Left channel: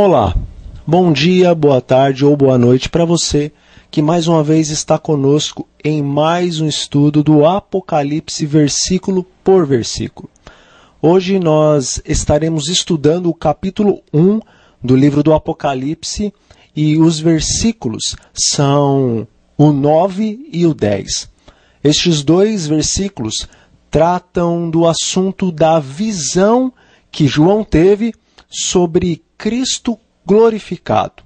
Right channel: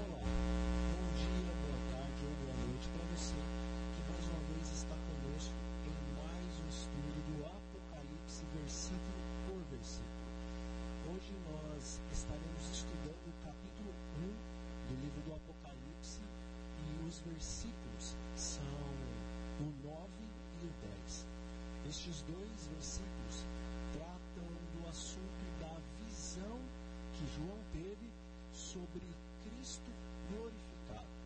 Olá, bom dia, boa tarde ou boa noite para você que mais uma vez está conosco em mais um estudo do Apocalipse versículo por versículo. Hoje nós estaremos estudando o capítulo 1 do livro do Apocalipse e os versículos são o 9 e o 10. Estes dois versículos tratam do assunto da visão que João teve sobre Cristo glorificado.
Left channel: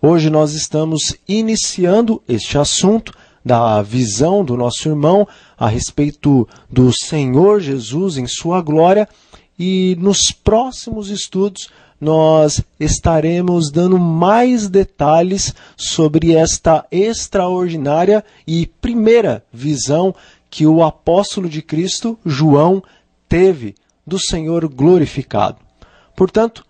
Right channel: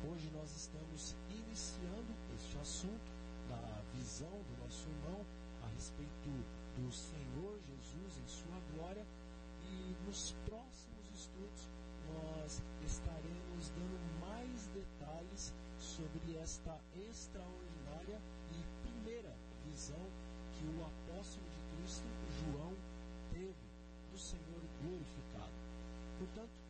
Hoje nós estamos iniciando este assunto da visão do nosso irmão a respeito do Senhor Jesus em sua glória, e nos próximos estudos nós estaremos dando mais detalhes sobre esta extraordinária e primeira visão que o apóstolo de Cristo, João, teve do Senhor glorificado. Portanto,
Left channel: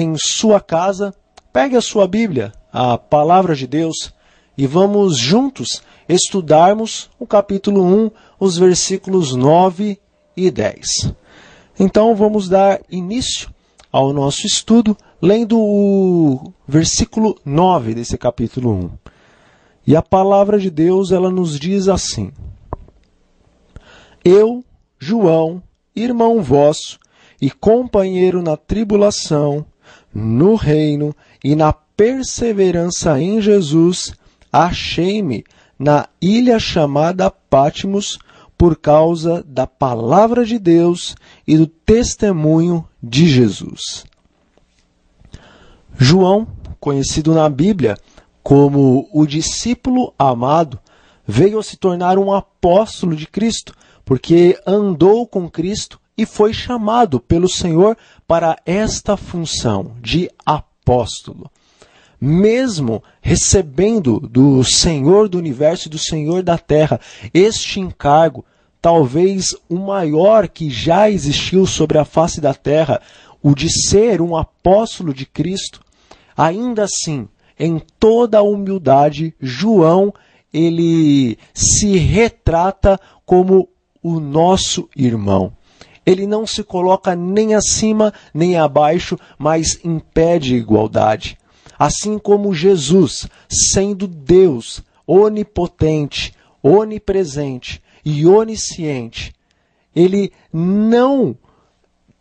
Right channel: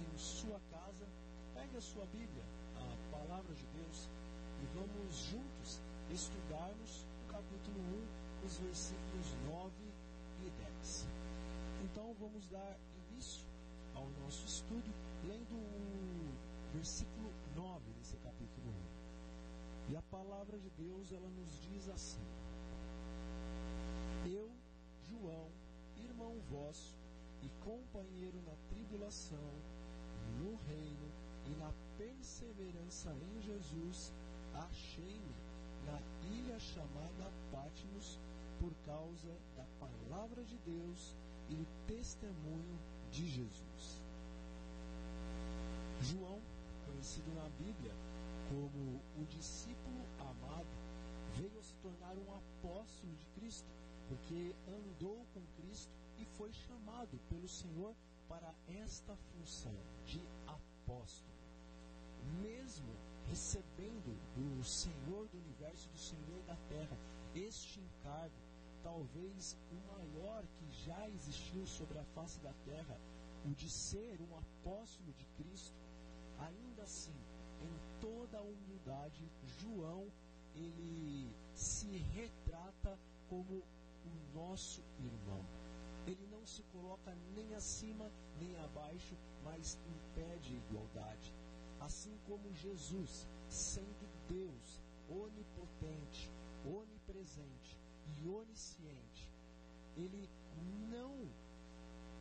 em sua casa, pegue a sua Bíblia, a Palavra de Deus, e vamos juntos estudarmos o capítulo 1, os versículos 9 e 10. Então, vamos dar início ao nosso estudo, lendo o versículo 9 desse capítulo 1. E a Palavra de Deus, ela nos diz assim: Eu, João, irmão vosso, e companheiro na tribulação, no reino e na perseverança em Jesus, achei-me na ilha chamada Patmos por causa da palavra de Deus e do testemunho de Jesus. João, conhecido na Bíblia como o discípulo amado, veio a se tornar um apóstolo de Cristo, porque andou com Cristo e foi chamado pelo Senhor para esta função de apóstolo. Mesmo recebendo do Senhor do universo e do Senhor da terra este encargo, talvez o maior que já existiu sobre a face da terra, o de ser um apóstolo de Cristo, ainda assim, em toda a humildade, João, ele se retrata como o nosso irmão. Ele não se coloca nem acima nem abaixo, mas em pé de igualdade. Assim como Jesus, sendo Deus onipotente, onipresente e onisciente, ele não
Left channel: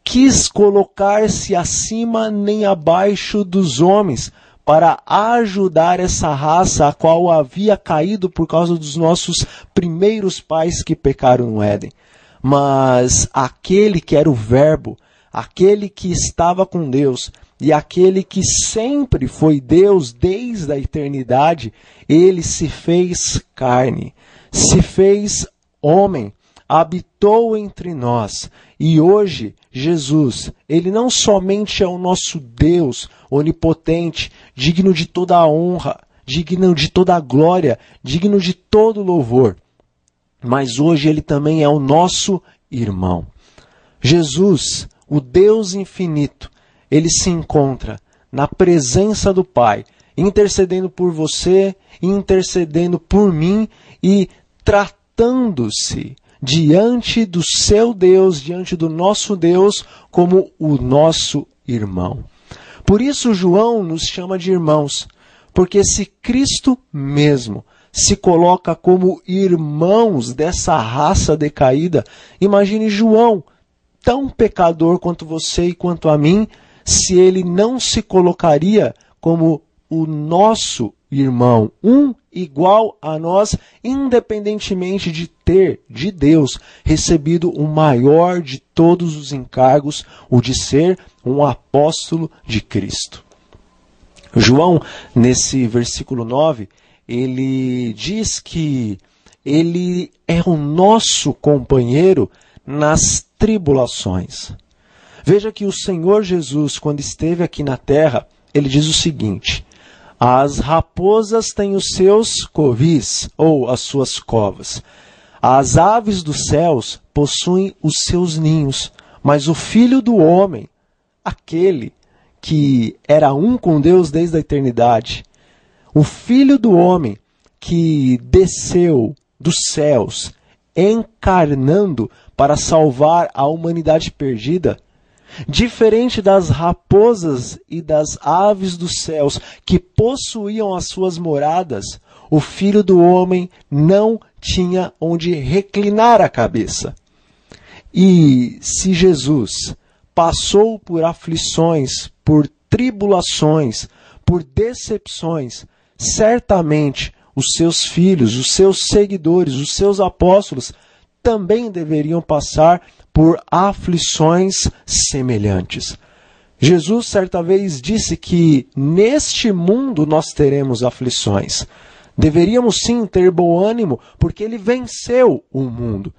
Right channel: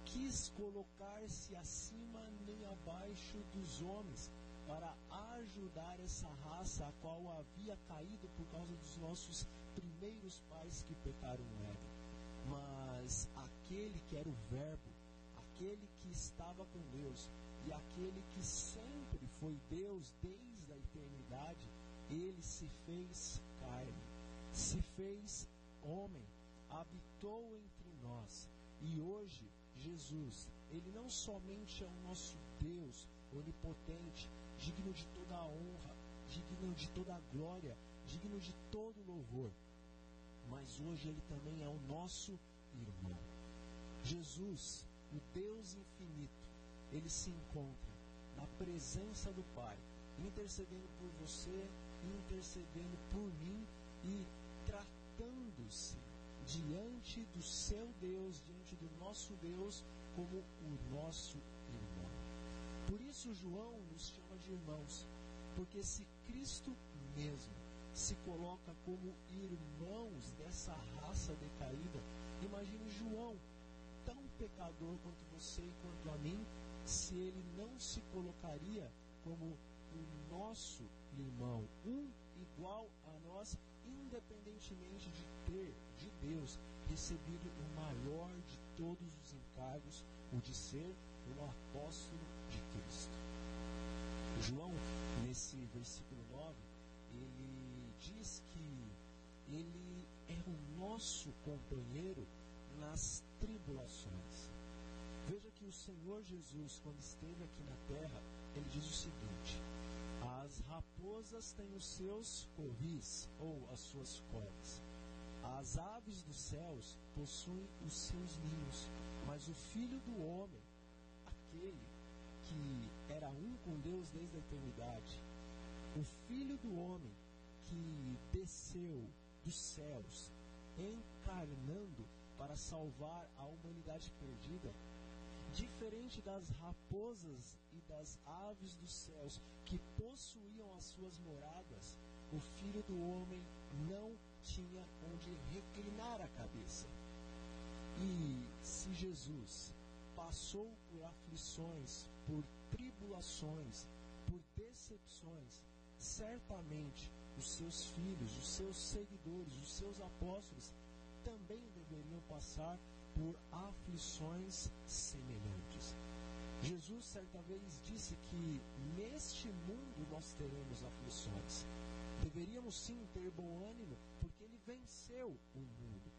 quis colocar-se acima nem abaixo dos homens para ajudar essa raça a qual havia caído por causa dos nossos primeiros pais que pecaram no Éden. Mas aquele que era o Verbo, aquele que estava com Deus e aquele que sempre foi Deus desde a eternidade, ele se fez carne, se fez homem, habitou entre nós. E hoje, Jesus, ele não somente é o nosso Deus onipotente, digno de toda a honra, digno de toda a glória, digno de todo louvor, mas hoje ele também é o nosso irmão. Jesus, o Deus infinito, ele se encontra na presença do Pai, intercedendo por você, intercedendo por mim e tratando-se diante do seu Deus, diante do nosso Deus, como o nosso irmão. Por isso João nos chama de irmãos, porque se Cristo mesmo se coloca como irmãos dessa raça decaída, imagine João, tão pecador quanto você e quanto a mim, se ele não se colocaria como o nosso irmão, um igual a nós, independentemente de ter de Deus recebido o maior de todos os encargos, o de ser um apóstolo de Cristo. João, nesse versículo 9, ele diz que ele é o nosso companheiro nas tribulações. Veja que o Senhor Jesus, quando esteve aqui na terra, ele diz o seguinte: as raposas têm os seus covis, ou as suas covas. As aves dos céus possuem os seus ninhos, mas o Filho do Homem, aquele que era um com Deus desde a eternidade, o Filho do Homem que desceu dos céus, encarnando para salvar a humanidade perdida, Diferente das raposas e das aves dos céus que possuíam as suas moradas, o Filho do Homem não tinha onde reclinar a cabeça. E se Jesus passou por aflições, por tribulações, por decepções, certamente os seus filhos, os seus seguidores, os seus apóstolos também deveriam passar por aflições semelhantes. Jesus certa vez disse que neste mundo nós teremos aflições. Deveríamos sim ter bom ânimo, porque ele venceu o mundo.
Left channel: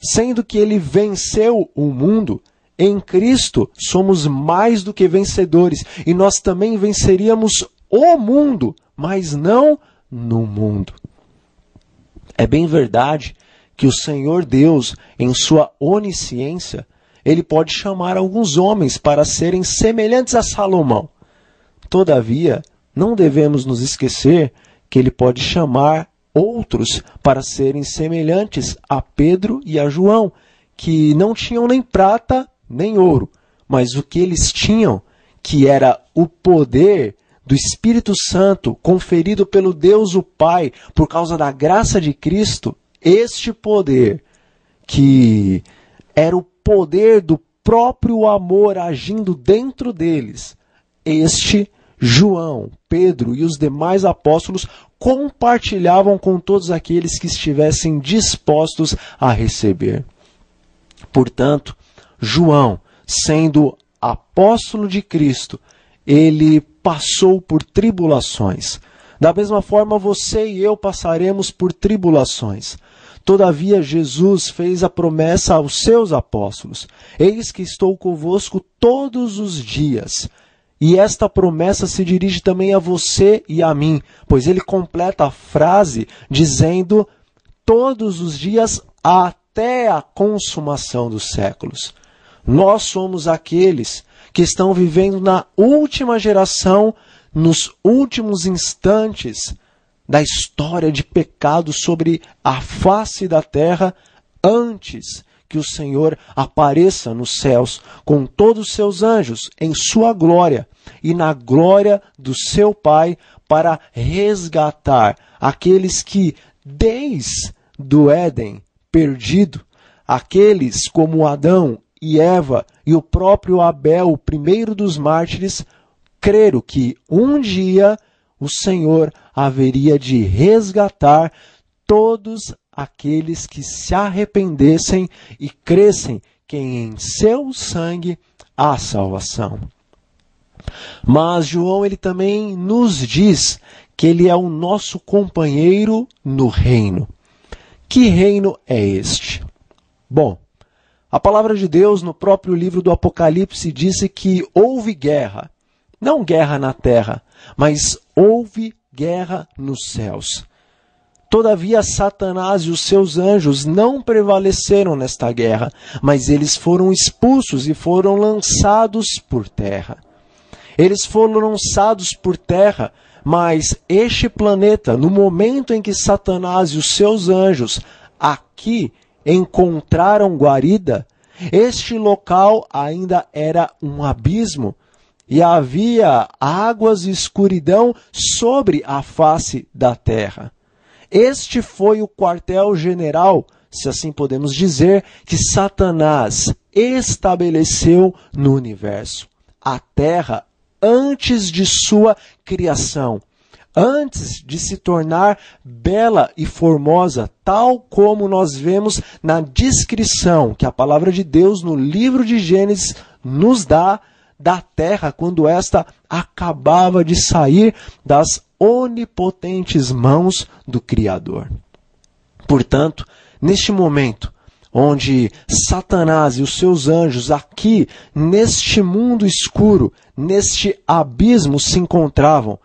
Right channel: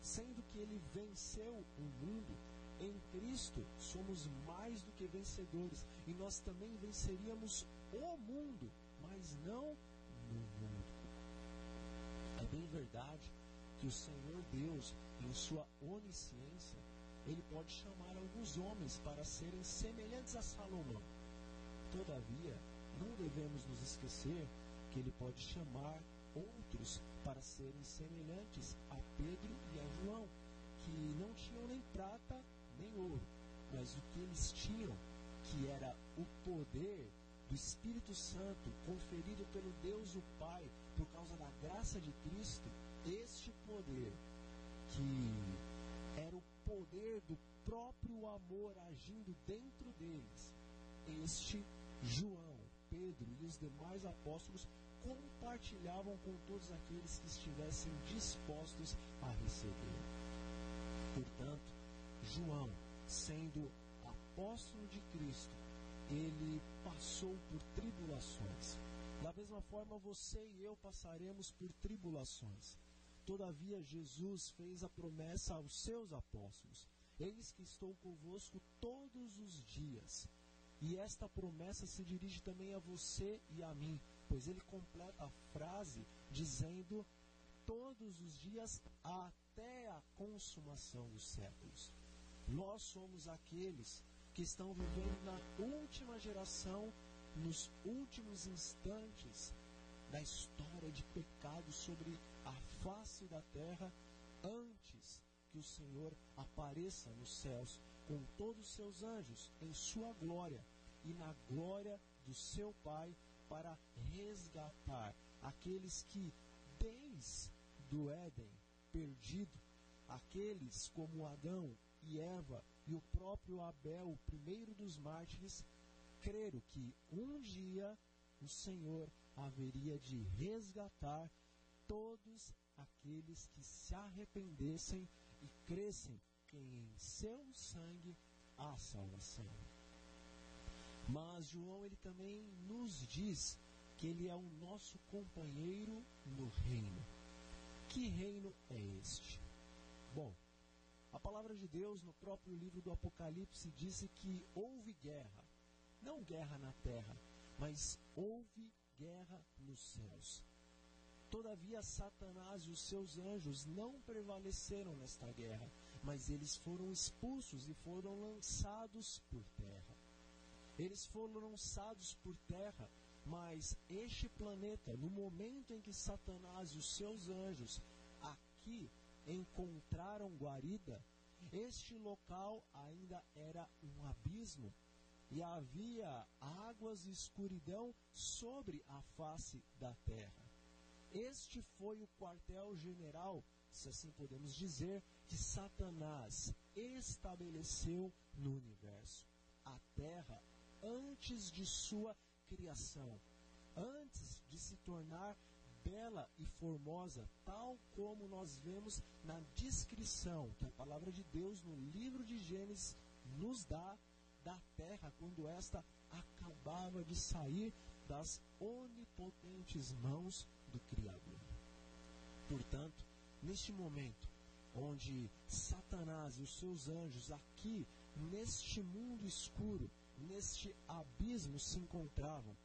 Sendo que ele venceu o mundo, em Cristo somos mais do que vencedores, e nós também venceríamos o mundo, mas não no mundo. É bem verdade que o Senhor Deus, em sua onisciência, ele pode chamar alguns homens para serem semelhantes a Salomão. Todavia, não devemos nos esquecer que ele pode chamar outros para serem semelhantes a Pedro e a João, que não tinham nem prata nem ouro, mas o que eles tinham, que era o poder do Espírito Santo conferido pelo Deus o Pai por causa da graça de Cristo. Este poder, que era o poder do próprio amor agindo dentro deles, este João, Pedro e os demais apóstolos compartilhavam com todos aqueles que estivessem dispostos a receber. Portanto, João, sendo apóstolo de Cristo, ele passou por tribulações. Da mesma forma, você e eu passaremos por tribulações. Todavia, Jesus fez a promessa aos seus apóstolos: eis que estou convosco todos os dias. E esta promessa se dirige também a você e a mim, pois ele completa a frase dizendo: todos os dias até a consumação dos séculos. Nós somos aqueles que estão vivendo na última geração, nos últimos instantes da história de pecado sobre a face da terra, antes que o Senhor apareça nos céus com todos os seus anjos em sua glória e na glória do seu Pai, para resgatar aqueles que, desde o Éden perdido, aqueles como Adão e Eva e o próprio Abel, o primeiro dos mártires, creram que um dia o Senhor haveria de resgatar todos aqueles que se arrependessem e crescem que em seu sangue há salvação. Mas João ele também nos diz que ele é o nosso companheiro no reino. Que reino é este? Bom, a palavra de Deus no próprio livro do Apocalipse disse que houve guerra. Não guerra na terra, mas houve guerra nos céus. Todavia, Satanás e os seus anjos não prevaleceram nesta guerra, mas eles foram expulsos e foram lançados por terra. Eles foram lançados por terra, mas este planeta, no momento em que Satanás e os seus anjos aqui encontraram guarida, este local ainda era um abismo e havia águas e escuridão sobre a face da terra. Este foi o quartel-general, se assim podemos dizer, que Satanás estabeleceu no universo. A terra, antes de sua criação, antes de se tornar bela e formosa, tal como nós vemos na descrição que a palavra de Deus no livro de Gênesis nos dá da terra, quando esta acabava de sair das onipotentes mãos do Criador. Portanto, neste momento, onde Satanás e os seus anjos aqui, neste mundo escuro, neste abismo se encontravam,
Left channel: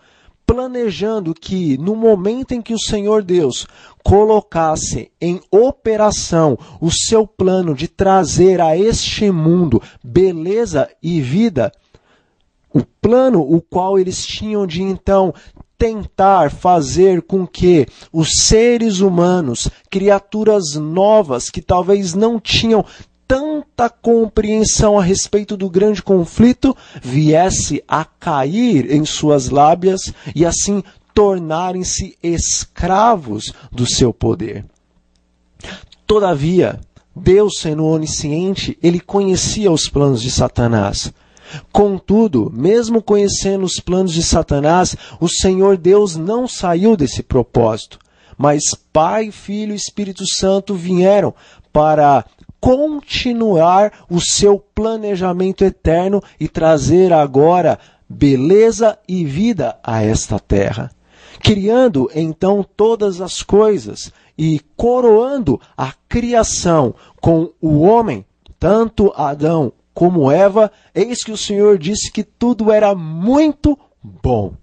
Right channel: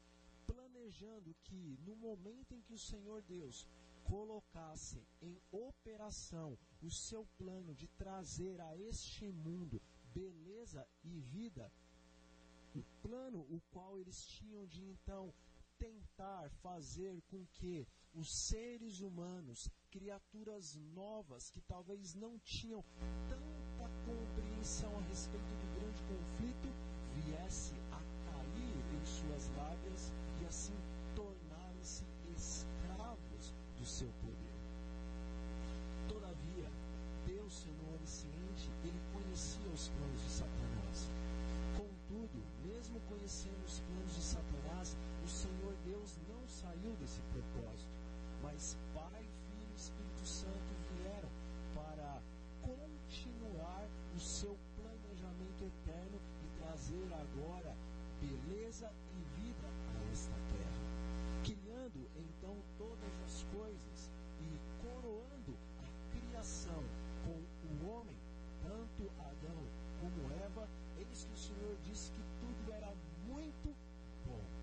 planejando que no momento em que o Senhor Deus colocasse em operação o seu plano de trazer a este mundo beleza e vida, o plano o qual eles tinham de então tentar fazer com que os seres humanos, criaturas novas que talvez não tinham tanta compreensão a respeito do grande conflito viesse a cair em suas lábias e assim tornarem-se escravos do seu poder. Todavia, Deus, sendo onisciente, ele conhecia os planos de Satanás. Contudo, mesmo conhecendo os planos de Satanás, o Senhor Deus não saiu desse propósito, mas Pai, Filho e Espírito Santo vieram para continuar o seu planejamento eterno e trazer agora beleza e vida a esta terra, criando então todas as coisas e coroando a criação com o homem, tanto Adão como Eva. Eis que o Senhor disse que tudo era muito bom.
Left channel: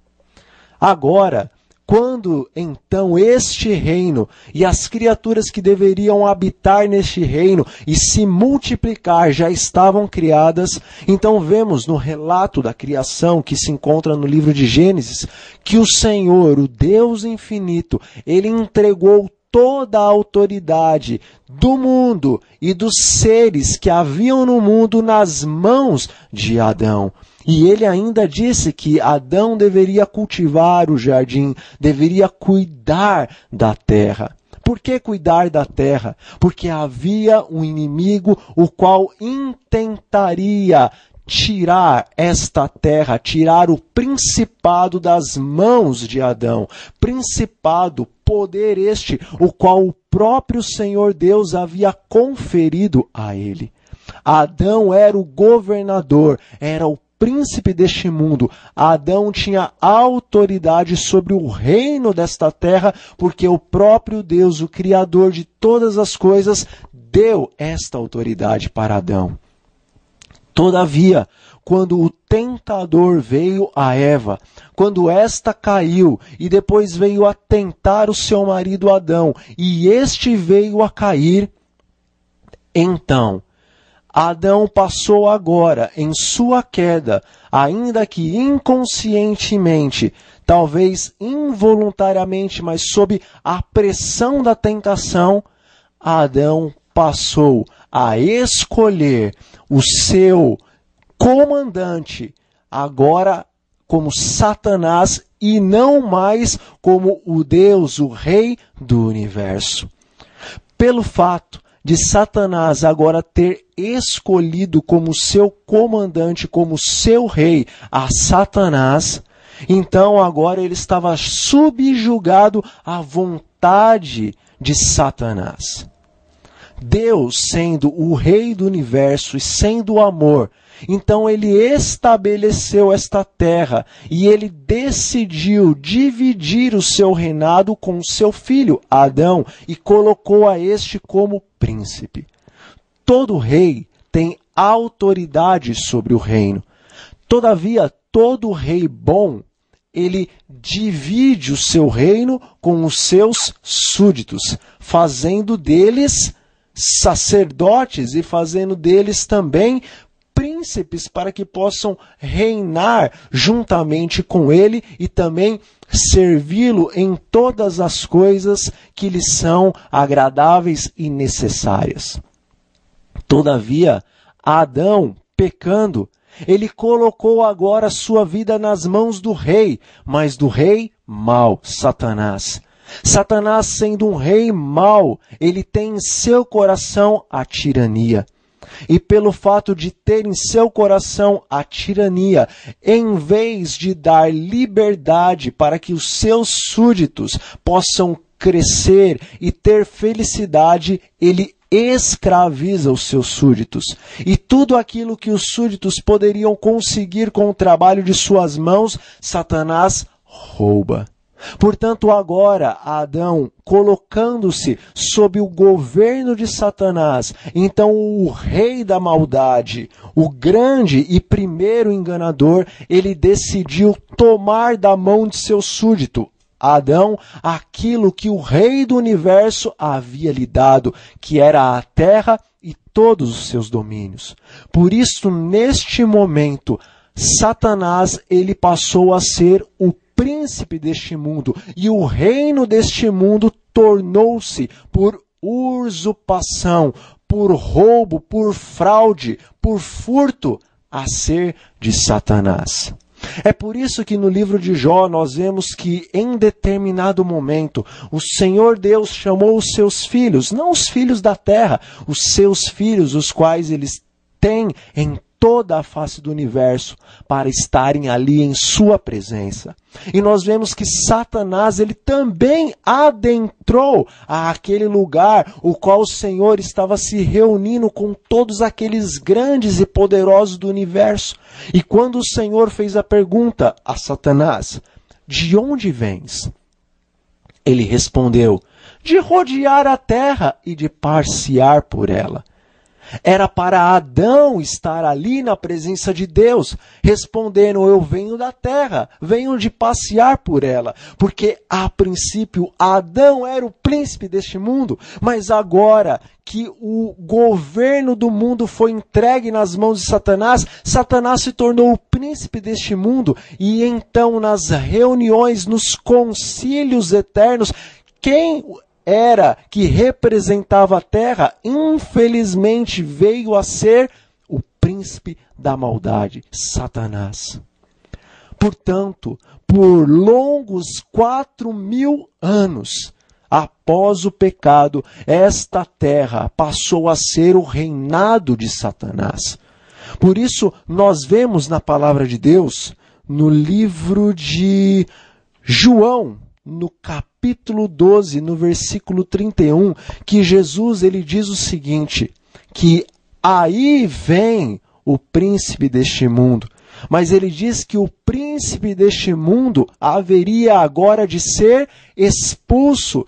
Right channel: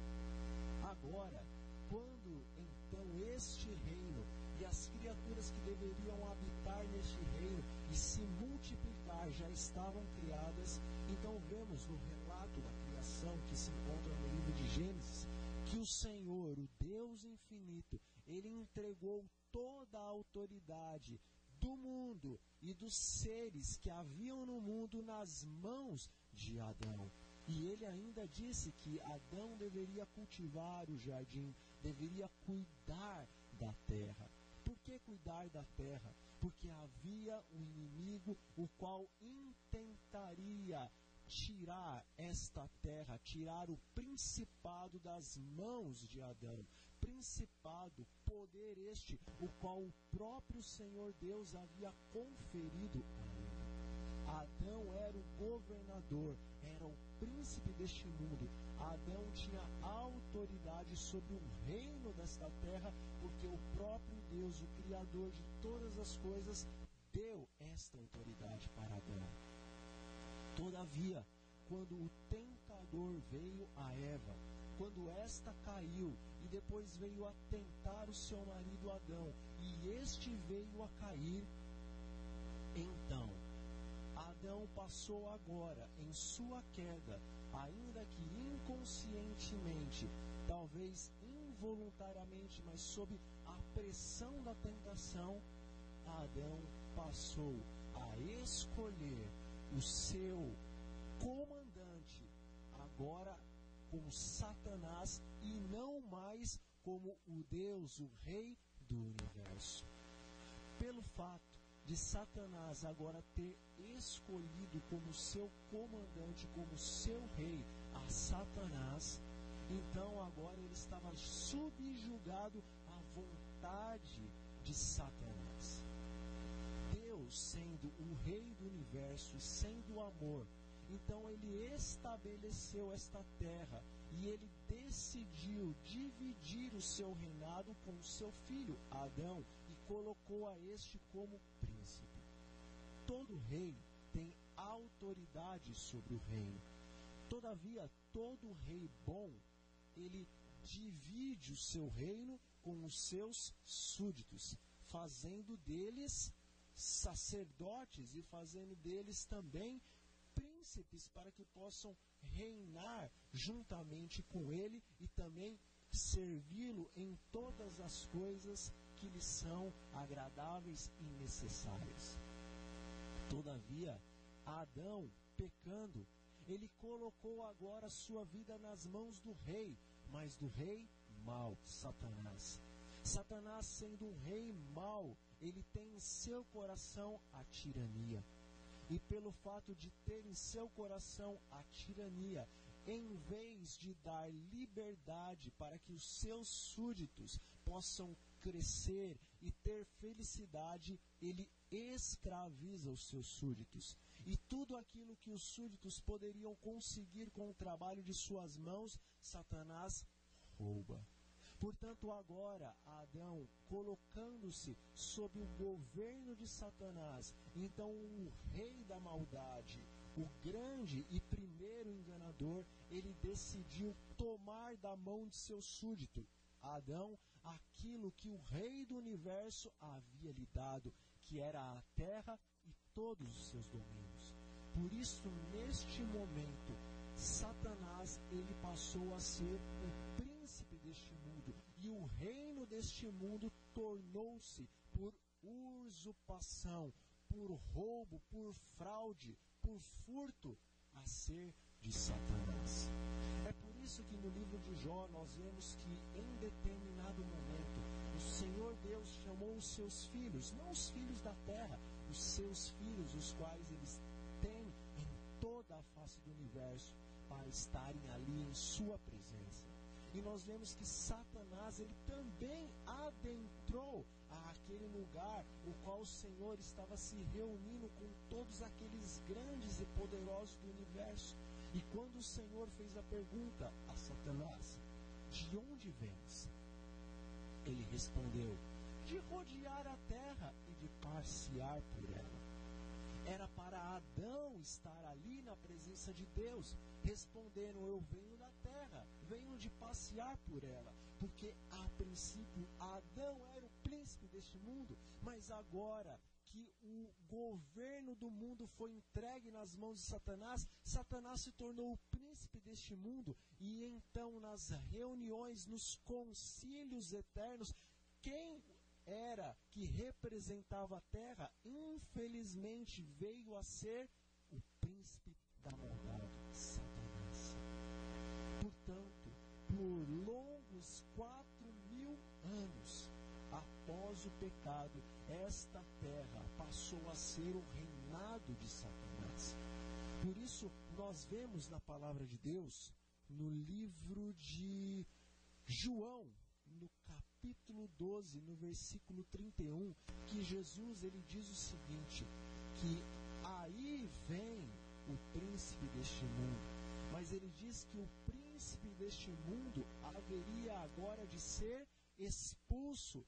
Agora, quando então este reino e as criaturas que deveriam habitar neste reino e se multiplicar já estavam criadas, então vemos no relato da criação que se encontra no livro de Gênesis, que o Senhor, o Deus infinito, ele entregou toda a autoridade do mundo e dos seres que haviam no mundo nas mãos de Adão. E ele ainda disse que Adão deveria cultivar o jardim, deveria cuidar da terra. Por que cuidar da terra? Porque havia um inimigo o qual intentaria tirar esta terra, tirar o principado das mãos de Adão. Principado, poder este, o qual o próprio Senhor Deus havia conferido a ele. Adão era o governador, era o príncipe deste mundo. Adão tinha autoridade sobre o reino desta terra, porque o próprio Deus, o Criador de todas as coisas, deu esta autoridade para Adão. Todavia, quando o tentador veio a Eva, quando esta caiu e depois veio a tentar o seu marido Adão, e este veio a cair, então Adão passou agora em sua queda, ainda que inconscientemente, talvez involuntariamente, mas sob a pressão da tentação, Adão passou a escolher o seu comandante, agora como Satanás e não mais como o Deus, o Rei do universo. Pelo fato de Satanás agora ter escolhido como seu comandante, como seu rei, a Satanás, então agora ele estava subjugado à vontade de Satanás. Deus, sendo o Rei do universo e sendo o amor, então ele estabeleceu esta terra e ele decidiu dividir o seu reinado com o seu filho, Adão, e colocou a este como príncipe. Todo rei tem autoridade sobre o reino. Todavia, todo rei bom, ele divide o seu reino com os seus súditos, fazendo deles sacerdotes e fazendo deles também príncipes para que possam reinar juntamente com ele e também servi-lo em todas as coisas que lhe são agradáveis e necessárias. Todavia, Adão, pecando, ele colocou agora sua vida nas mãos do rei, mas do rei mau, Satanás. Satanás, sendo um rei mau, ele tem em seu coração a tirania. E pelo fato de ter em seu coração a tirania, em vez de dar liberdade para que os seus súditos possam crescer e ter felicidade, ele escraviza os seus súditos. E tudo aquilo que os súditos poderiam conseguir com o trabalho de suas mãos, Satanás rouba. Portanto, agora, Adão, colocando-se sob o governo de Satanás, então o rei da maldade, o grande e primeiro enganador, ele decidiu tomar da mão de seu súdito, Adão, aquilo que o rei do universo havia lhe dado, que era a terra e todos os seus domínios. Por isso, neste momento, Satanás, ele passou a ser o príncipe deste mundo, e o reino deste mundo tornou-se por usurpação, por roubo, por fraude, por furto, a ser de Satanás. É por isso que no livro de Jó nós vemos que em determinado momento o Senhor Deus chamou os seus filhos, não os filhos da terra, os seus filhos, os quais eles têm em toda a face do universo, para estarem ali em sua presença. E nós vemos que Satanás, ele também adentrou àquele lugar, o qual o Senhor estava se reunindo com todos aqueles grandes e poderosos do universo. E quando o Senhor fez a pergunta a Satanás, de onde vens? Ele respondeu, de rodear a terra e de passear por ela. Era para Adão estar ali na presença de Deus, respondendo, eu venho da terra, venho de passear por ela. Porque a princípio Adão era o príncipe deste mundo, mas agora que o governo do mundo foi entregue nas mãos de Satanás, Satanás se tornou o príncipe deste mundo. E então nas reuniões, nos concílios eternos, quem era que representava a terra, infelizmente veio a ser o príncipe da maldade, Satanás. Portanto, por longos 4.000 anos, após o pecado, esta terra passou a ser o reinado de Satanás. Por isso, nós vemos na palavra de Deus, no livro de João, no capítulo 12, no versículo 31, que Jesus ele diz o seguinte, que aí vem o príncipe deste mundo. Mas ele diz que o príncipe deste mundo haveria agora de ser expulso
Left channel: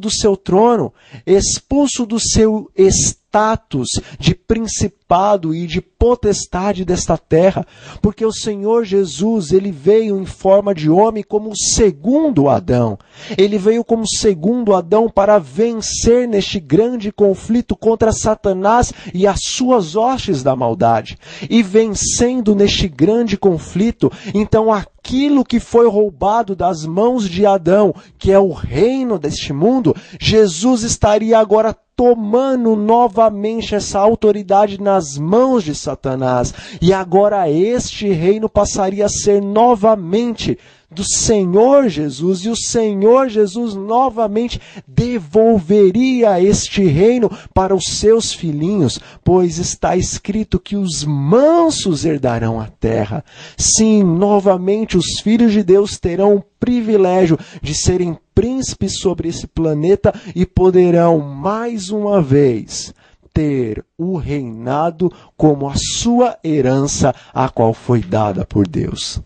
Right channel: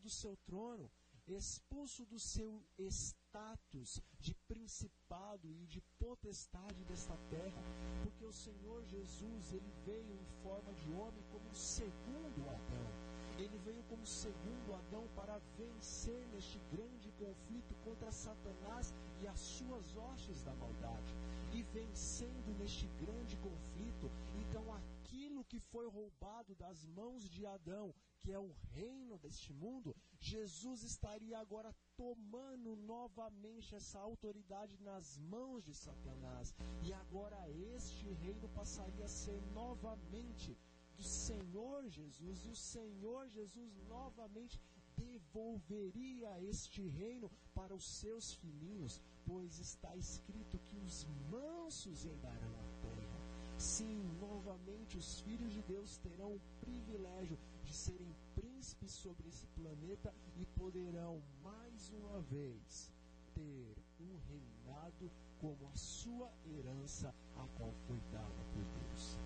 do seu trono, expulso do seu status de principado e de potestade desta terra, porque o Senhor Jesus, ele veio em forma de homem como o segundo Adão. Ele veio como segundo Adão para vencer neste grande conflito contra Satanás e as suas hostes da maldade. E vencendo neste grande conflito, então aquilo que foi roubado das mãos de Adão, que é o reino deste mundo, Jesus estaria agora tomando novamente essa autoridade nas mãos de Satanás. E agora este reino passaria a ser novamente do Senhor Jesus, e o Senhor Jesus novamente devolveria este reino para os seus filhinhos, pois está escrito que os mansos herdarão a terra. Sim, novamente os filhos de Deus terão o privilégio de serem príncipes sobre esse planeta e poderão mais uma vez ter o reinado como a sua herança, a qual foi dada por Deus.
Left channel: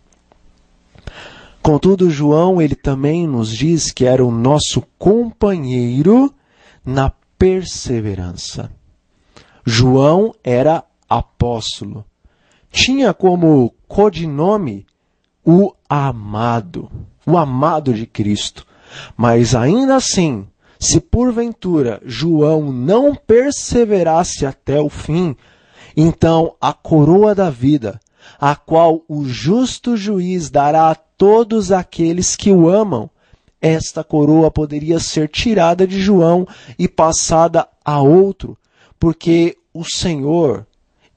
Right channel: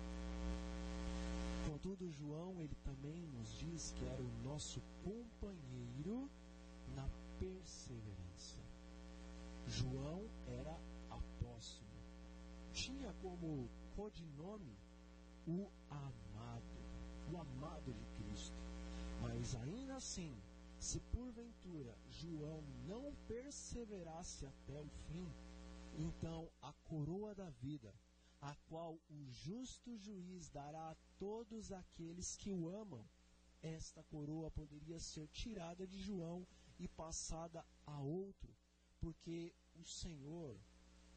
Contudo, João, ele também nos diz que era o nosso companheiro na perseverança. João era apóstolo. Tinha como codinome o amado de Cristo. Mas ainda assim, se porventura João não perseverasse até o fim, então a coroa da vida, a qual o justo juiz dará a todos aqueles que o amam, esta coroa poderia ser tirada de João e passada a outro, porque o Senhor,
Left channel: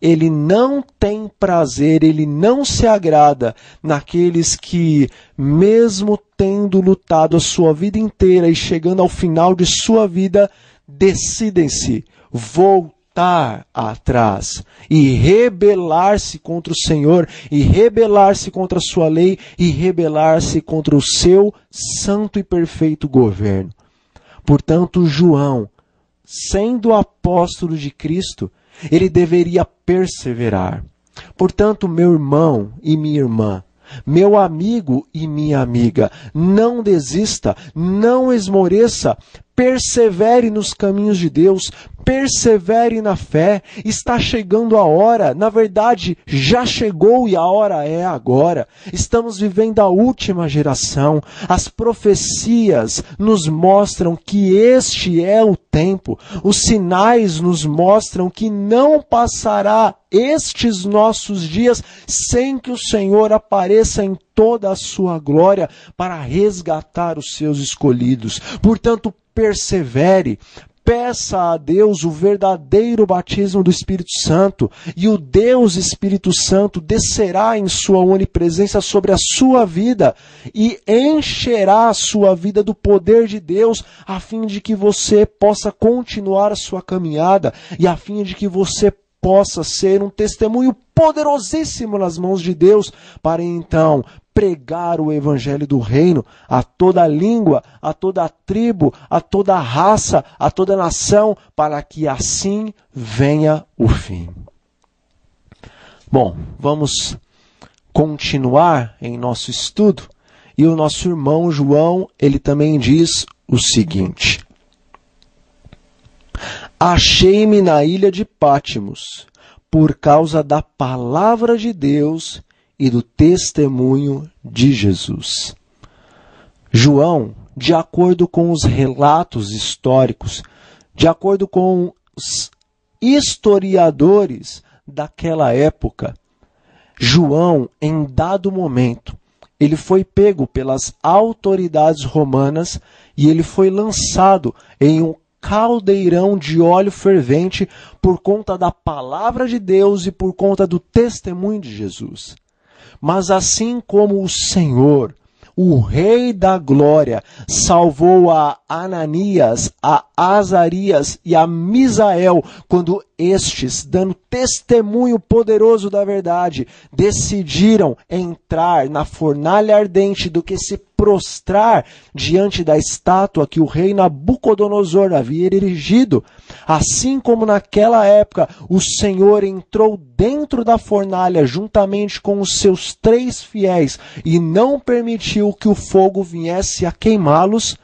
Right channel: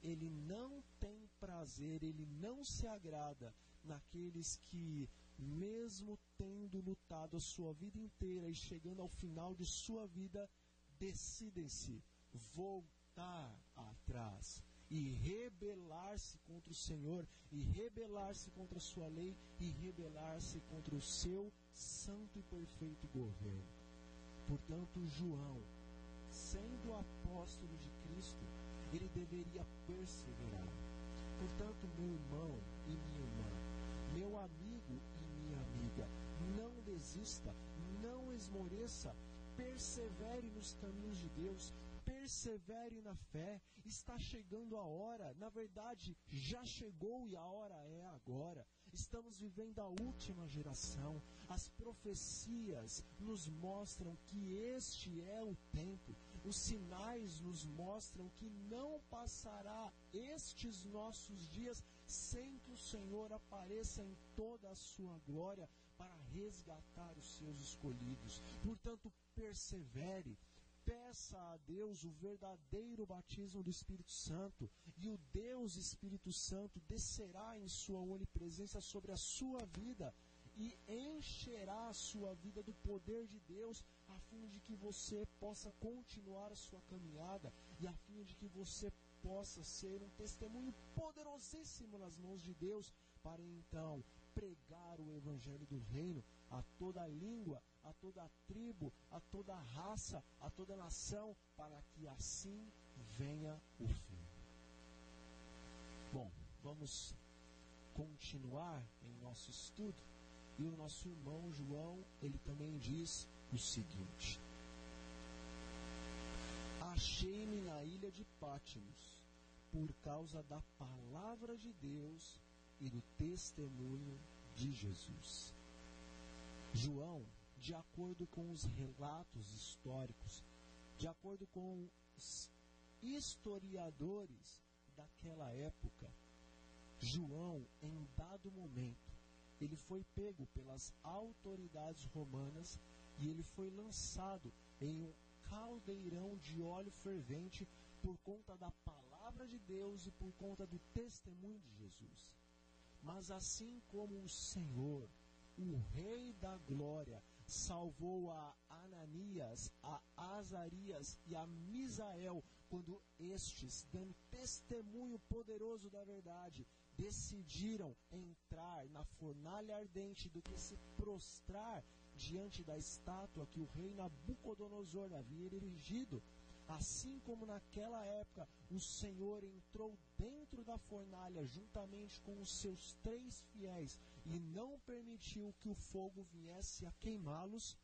ele não tem prazer, ele não se agrada naqueles que, mesmo tendo lutado a sua vida inteira e chegando ao final de sua vida, decidem-se voltar atrás e rebelar-se contra o Senhor, e rebelar-se contra a sua lei, e rebelar-se contra o seu santo e perfeito governo. Portanto, João, sendo apóstolo de Cristo, ele deveria perseverar. Portanto, meu irmão e minha irmã, meu amigo e minha amiga, não desista, não esmoreça, persevere nos caminhos de Deus, persevere na fé. Está chegando a hora, na verdade já chegou e a hora é agora. Estamos vivendo a última geração. As profecias nos mostram que este é o tempo. Os sinais nos mostram que não passará estes nossos dias sem que o Senhor apareça em toda a sua glória para resgatar os seus escolhidos. Portanto, persevere, peça a Deus o verdadeiro batismo do Espírito Santo, e o Deus Espírito Santo descerá em sua onipresença sobre a sua vida e encherá a sua vida do poder de Deus, a fim de que você possa continuar a sua caminhada e a fim de que você possa ser um testemunho poderosíssimo nas mãos de Deus, para então pregar o evangelho do reino a toda língua, a toda tribo, a toda raça, a toda nação, para que assim venha o fim. Bom, vamos continuar em nosso estudo, e o nosso irmão João, ele também diz o seguinte: achei-me na ilha de Pátimos, por causa da palavra de Deus e do testemunho de Jesus. João, de acordo com os relatos históricos, de acordo com os historiadores daquela época, João, em dado momento, ele foi pego pelas autoridades romanas e ele foi lançado em um caldeirão de óleo fervente por conta da palavra de Deus e por conta do testemunho de Jesus. Mas assim como o Senhor, o Rei da Glória, salvou a Ananias, a Azarias e a Misael, quando estes, dando testemunho poderoso da verdade, decidiram entrar na fornalha ardente do que se prostrar diante da estátua que o rei Nabucodonosor havia erigido, assim como naquela época o Senhor entrou dentro da fornalha juntamente com os seus 3 fiéis e não permitiu que o fogo viesse a queimá-los,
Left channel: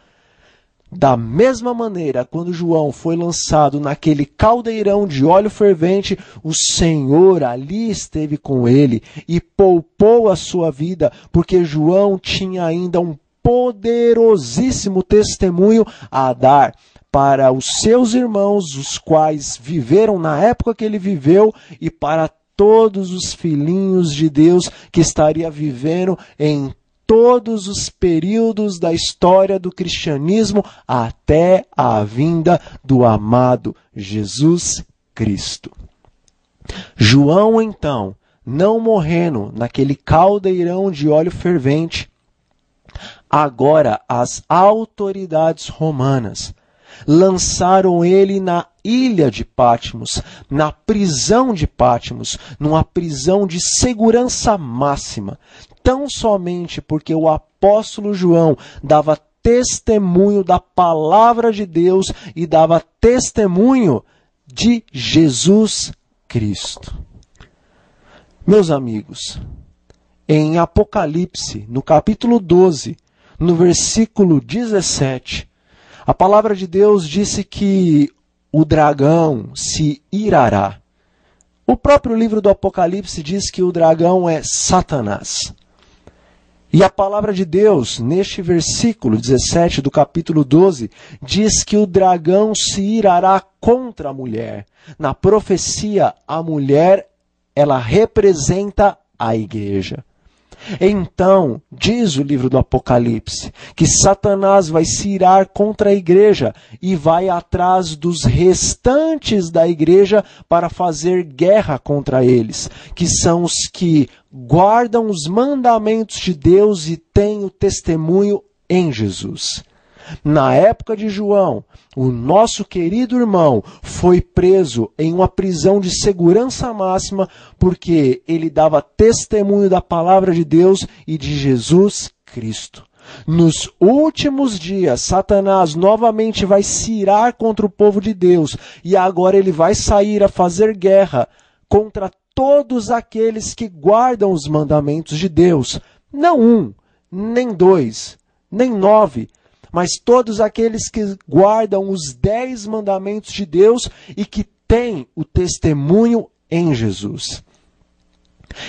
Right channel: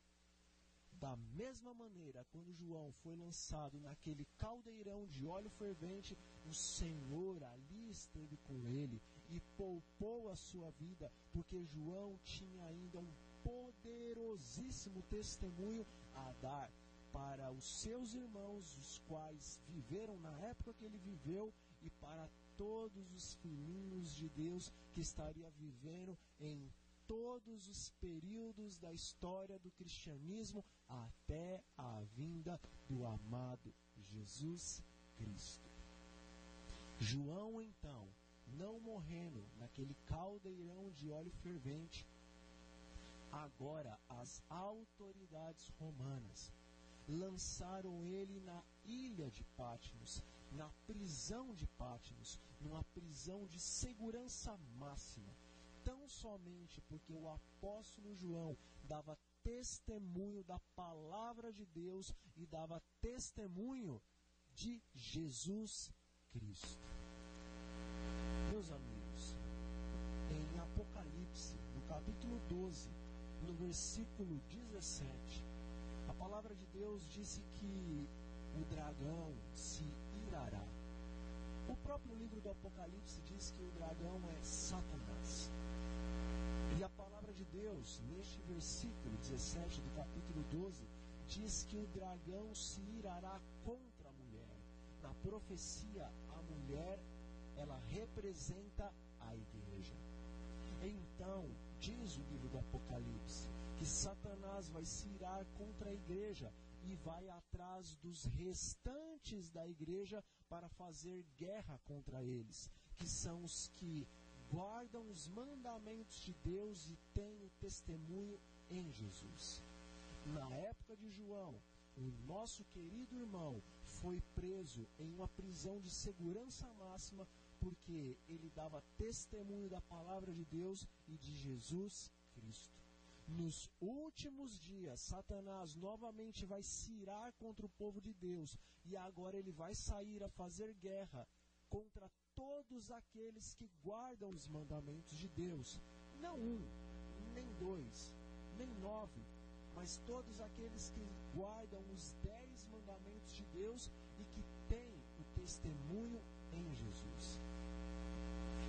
da mesma maneira, quando João foi lançado naquele caldeirão de óleo fervente, o Senhor ali esteve com ele e poupou a sua vida, porque João tinha ainda um poderosíssimo testemunho a dar para os seus irmãos, os quais viveram na época que ele viveu, e para todos os filhinhos de Deus que estaria vivendo em todos os períodos da história do cristianismo até a vinda do amado Jesus Cristo. João, então, não morrendo naquele caldeirão de óleo fervente, agora as autoridades romanas lançaram ele na ilha de Pátimos, na prisão de Pátimos, numa prisão de segurança máxima, tão somente porque o apóstolo João dava testemunho da palavra de Deus e dava testemunho de Jesus Cristo. Meus amigos, em Apocalipse, no capítulo 12, no versículo 17, a palavra de Deus disse que o dragão se irará. O próprio livro do Apocalipse diz que o dragão é Satanás. E a palavra de Deus, neste versículo 17 do capítulo 12, diz que o dragão se irará contra a mulher. Na profecia, a mulher, ela representa a igreja. Então, diz o livro do Apocalipse, que Satanás vai se irar contra a igreja e vai atrás dos restantes da igreja para fazer guerra contra eles, que são os que guardam os mandamentos de Deus e têm o testemunho em Jesus. Na época de João, o nosso querido irmão foi preso em uma prisão de segurança máxima porque ele dava testemunho da palavra de Deus e de Jesus Cristo. Nos últimos dias, Satanás novamente vai se irar contra o povo de Deus e agora ele vai sair a fazer guerra contra todos aqueles que guardam os mandamentos de Deus. Não 1, nem 2, nem 9, mas todos aqueles que guardam os 10 mandamentos de Deus e que têm o testemunho em Jesus.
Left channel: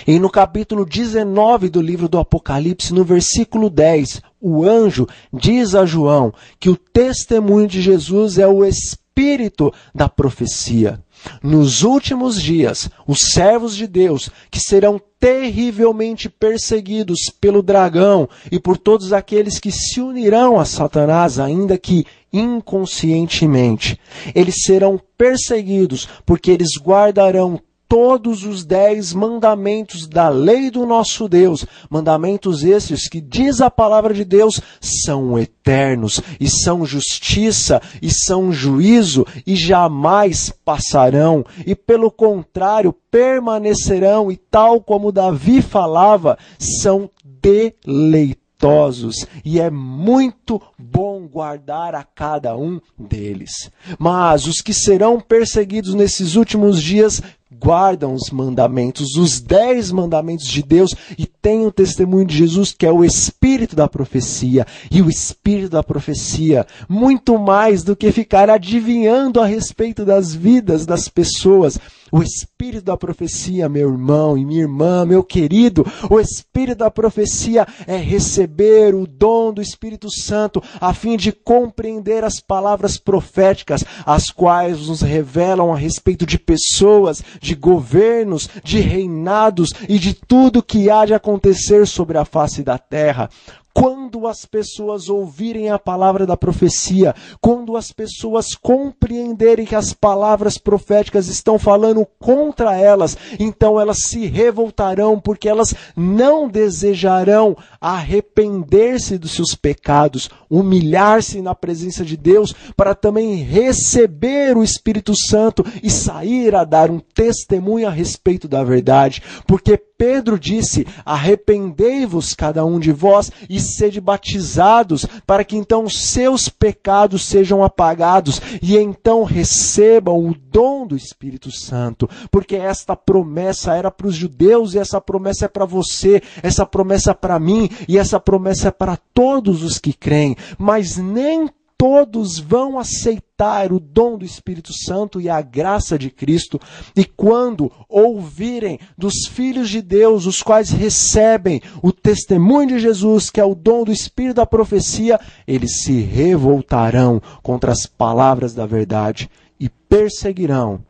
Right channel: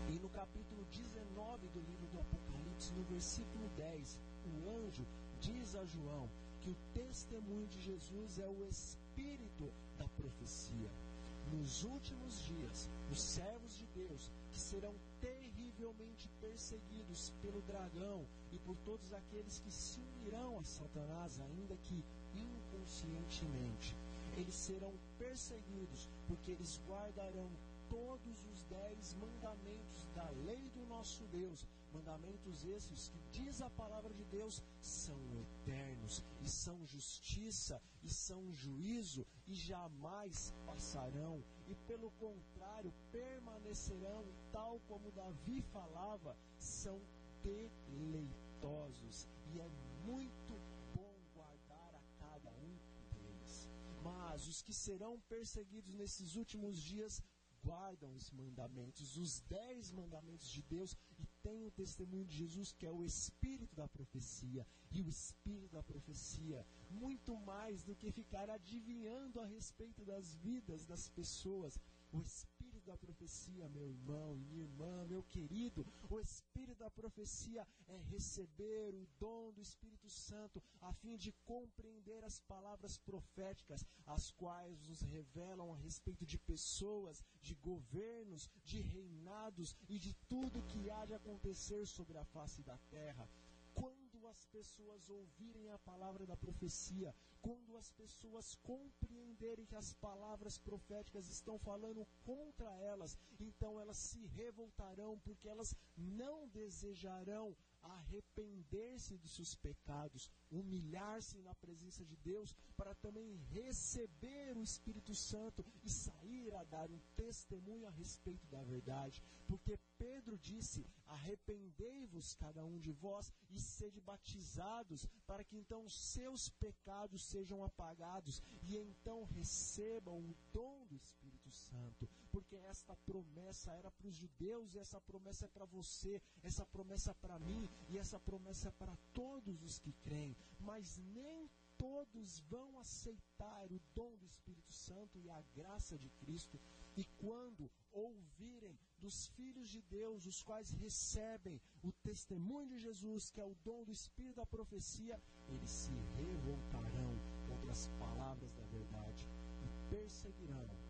E no capítulo 19 do livro do Apocalipse, no versículo 10, o anjo diz a João que o testemunho de Jesus é o espírito da profecia. Nos últimos dias, os servos de Deus, que serão terrivelmente perseguidos pelo dragão e por todos aqueles que se unirão a Satanás, ainda que inconscientemente. Eles serão perseguidos porque eles guardarão todos os 10 mandamentos da lei do nosso Deus. Mandamentos esses que, diz a palavra de Deus, são eternos, e são justiça, e são juízo, e jamais passarão. E pelo contrário, permanecerão, e tal como Davi falava, são deleitosos. E é muito bom guardar a cada um deles. Mas os que serão perseguidos nesses últimos dias guardam os mandamentos, os 10 mandamentos de Deus, e têm o testemunho de Jesus, que é o Espírito da profecia. E o Espírito da profecia, muito mais do que ficar adivinhando a respeito das vidas das pessoas, o Espírito da profecia, meu irmão e minha irmã, meu querido, o Espírito da profecia é receber o dom do Espírito Santo, a fim de compreender as palavras proféticas, as quais nos revelam a respeito de pessoas, de governos, de reinados e de tudo que há de acontecer sobre a face da terra. Quando as pessoas ouvirem a palavra da profecia, quando as pessoas compreenderem que as palavras proféticas estão falando contra elas, então elas se revoltarão, porque elas não desejarão arrepender-se dos seus pecados, humilhar-se na presença de Deus, para também receber o Espírito Santo e sair a dar um testemunho a respeito da verdade. Porque Pedro disse: arrependei-vos cada um de vós e sede batizados, para que então seus pecados sejam apagados, e então recebam o dom do Espírito Santo. Porque esta promessa era para os judeus, e essa promessa é para você, essa promessa é para mim, e essa promessa é para todos os que creem. Mas nem todos vão aceitar o dom do Espírito Santo e a graça de Cristo. E quando ouvirem dos filhos de Deus, os quais recebem o testemunho de Jesus, que é o dom do Espírito da profecia, eles se revoltarão contra as palavras da verdade e perseguirão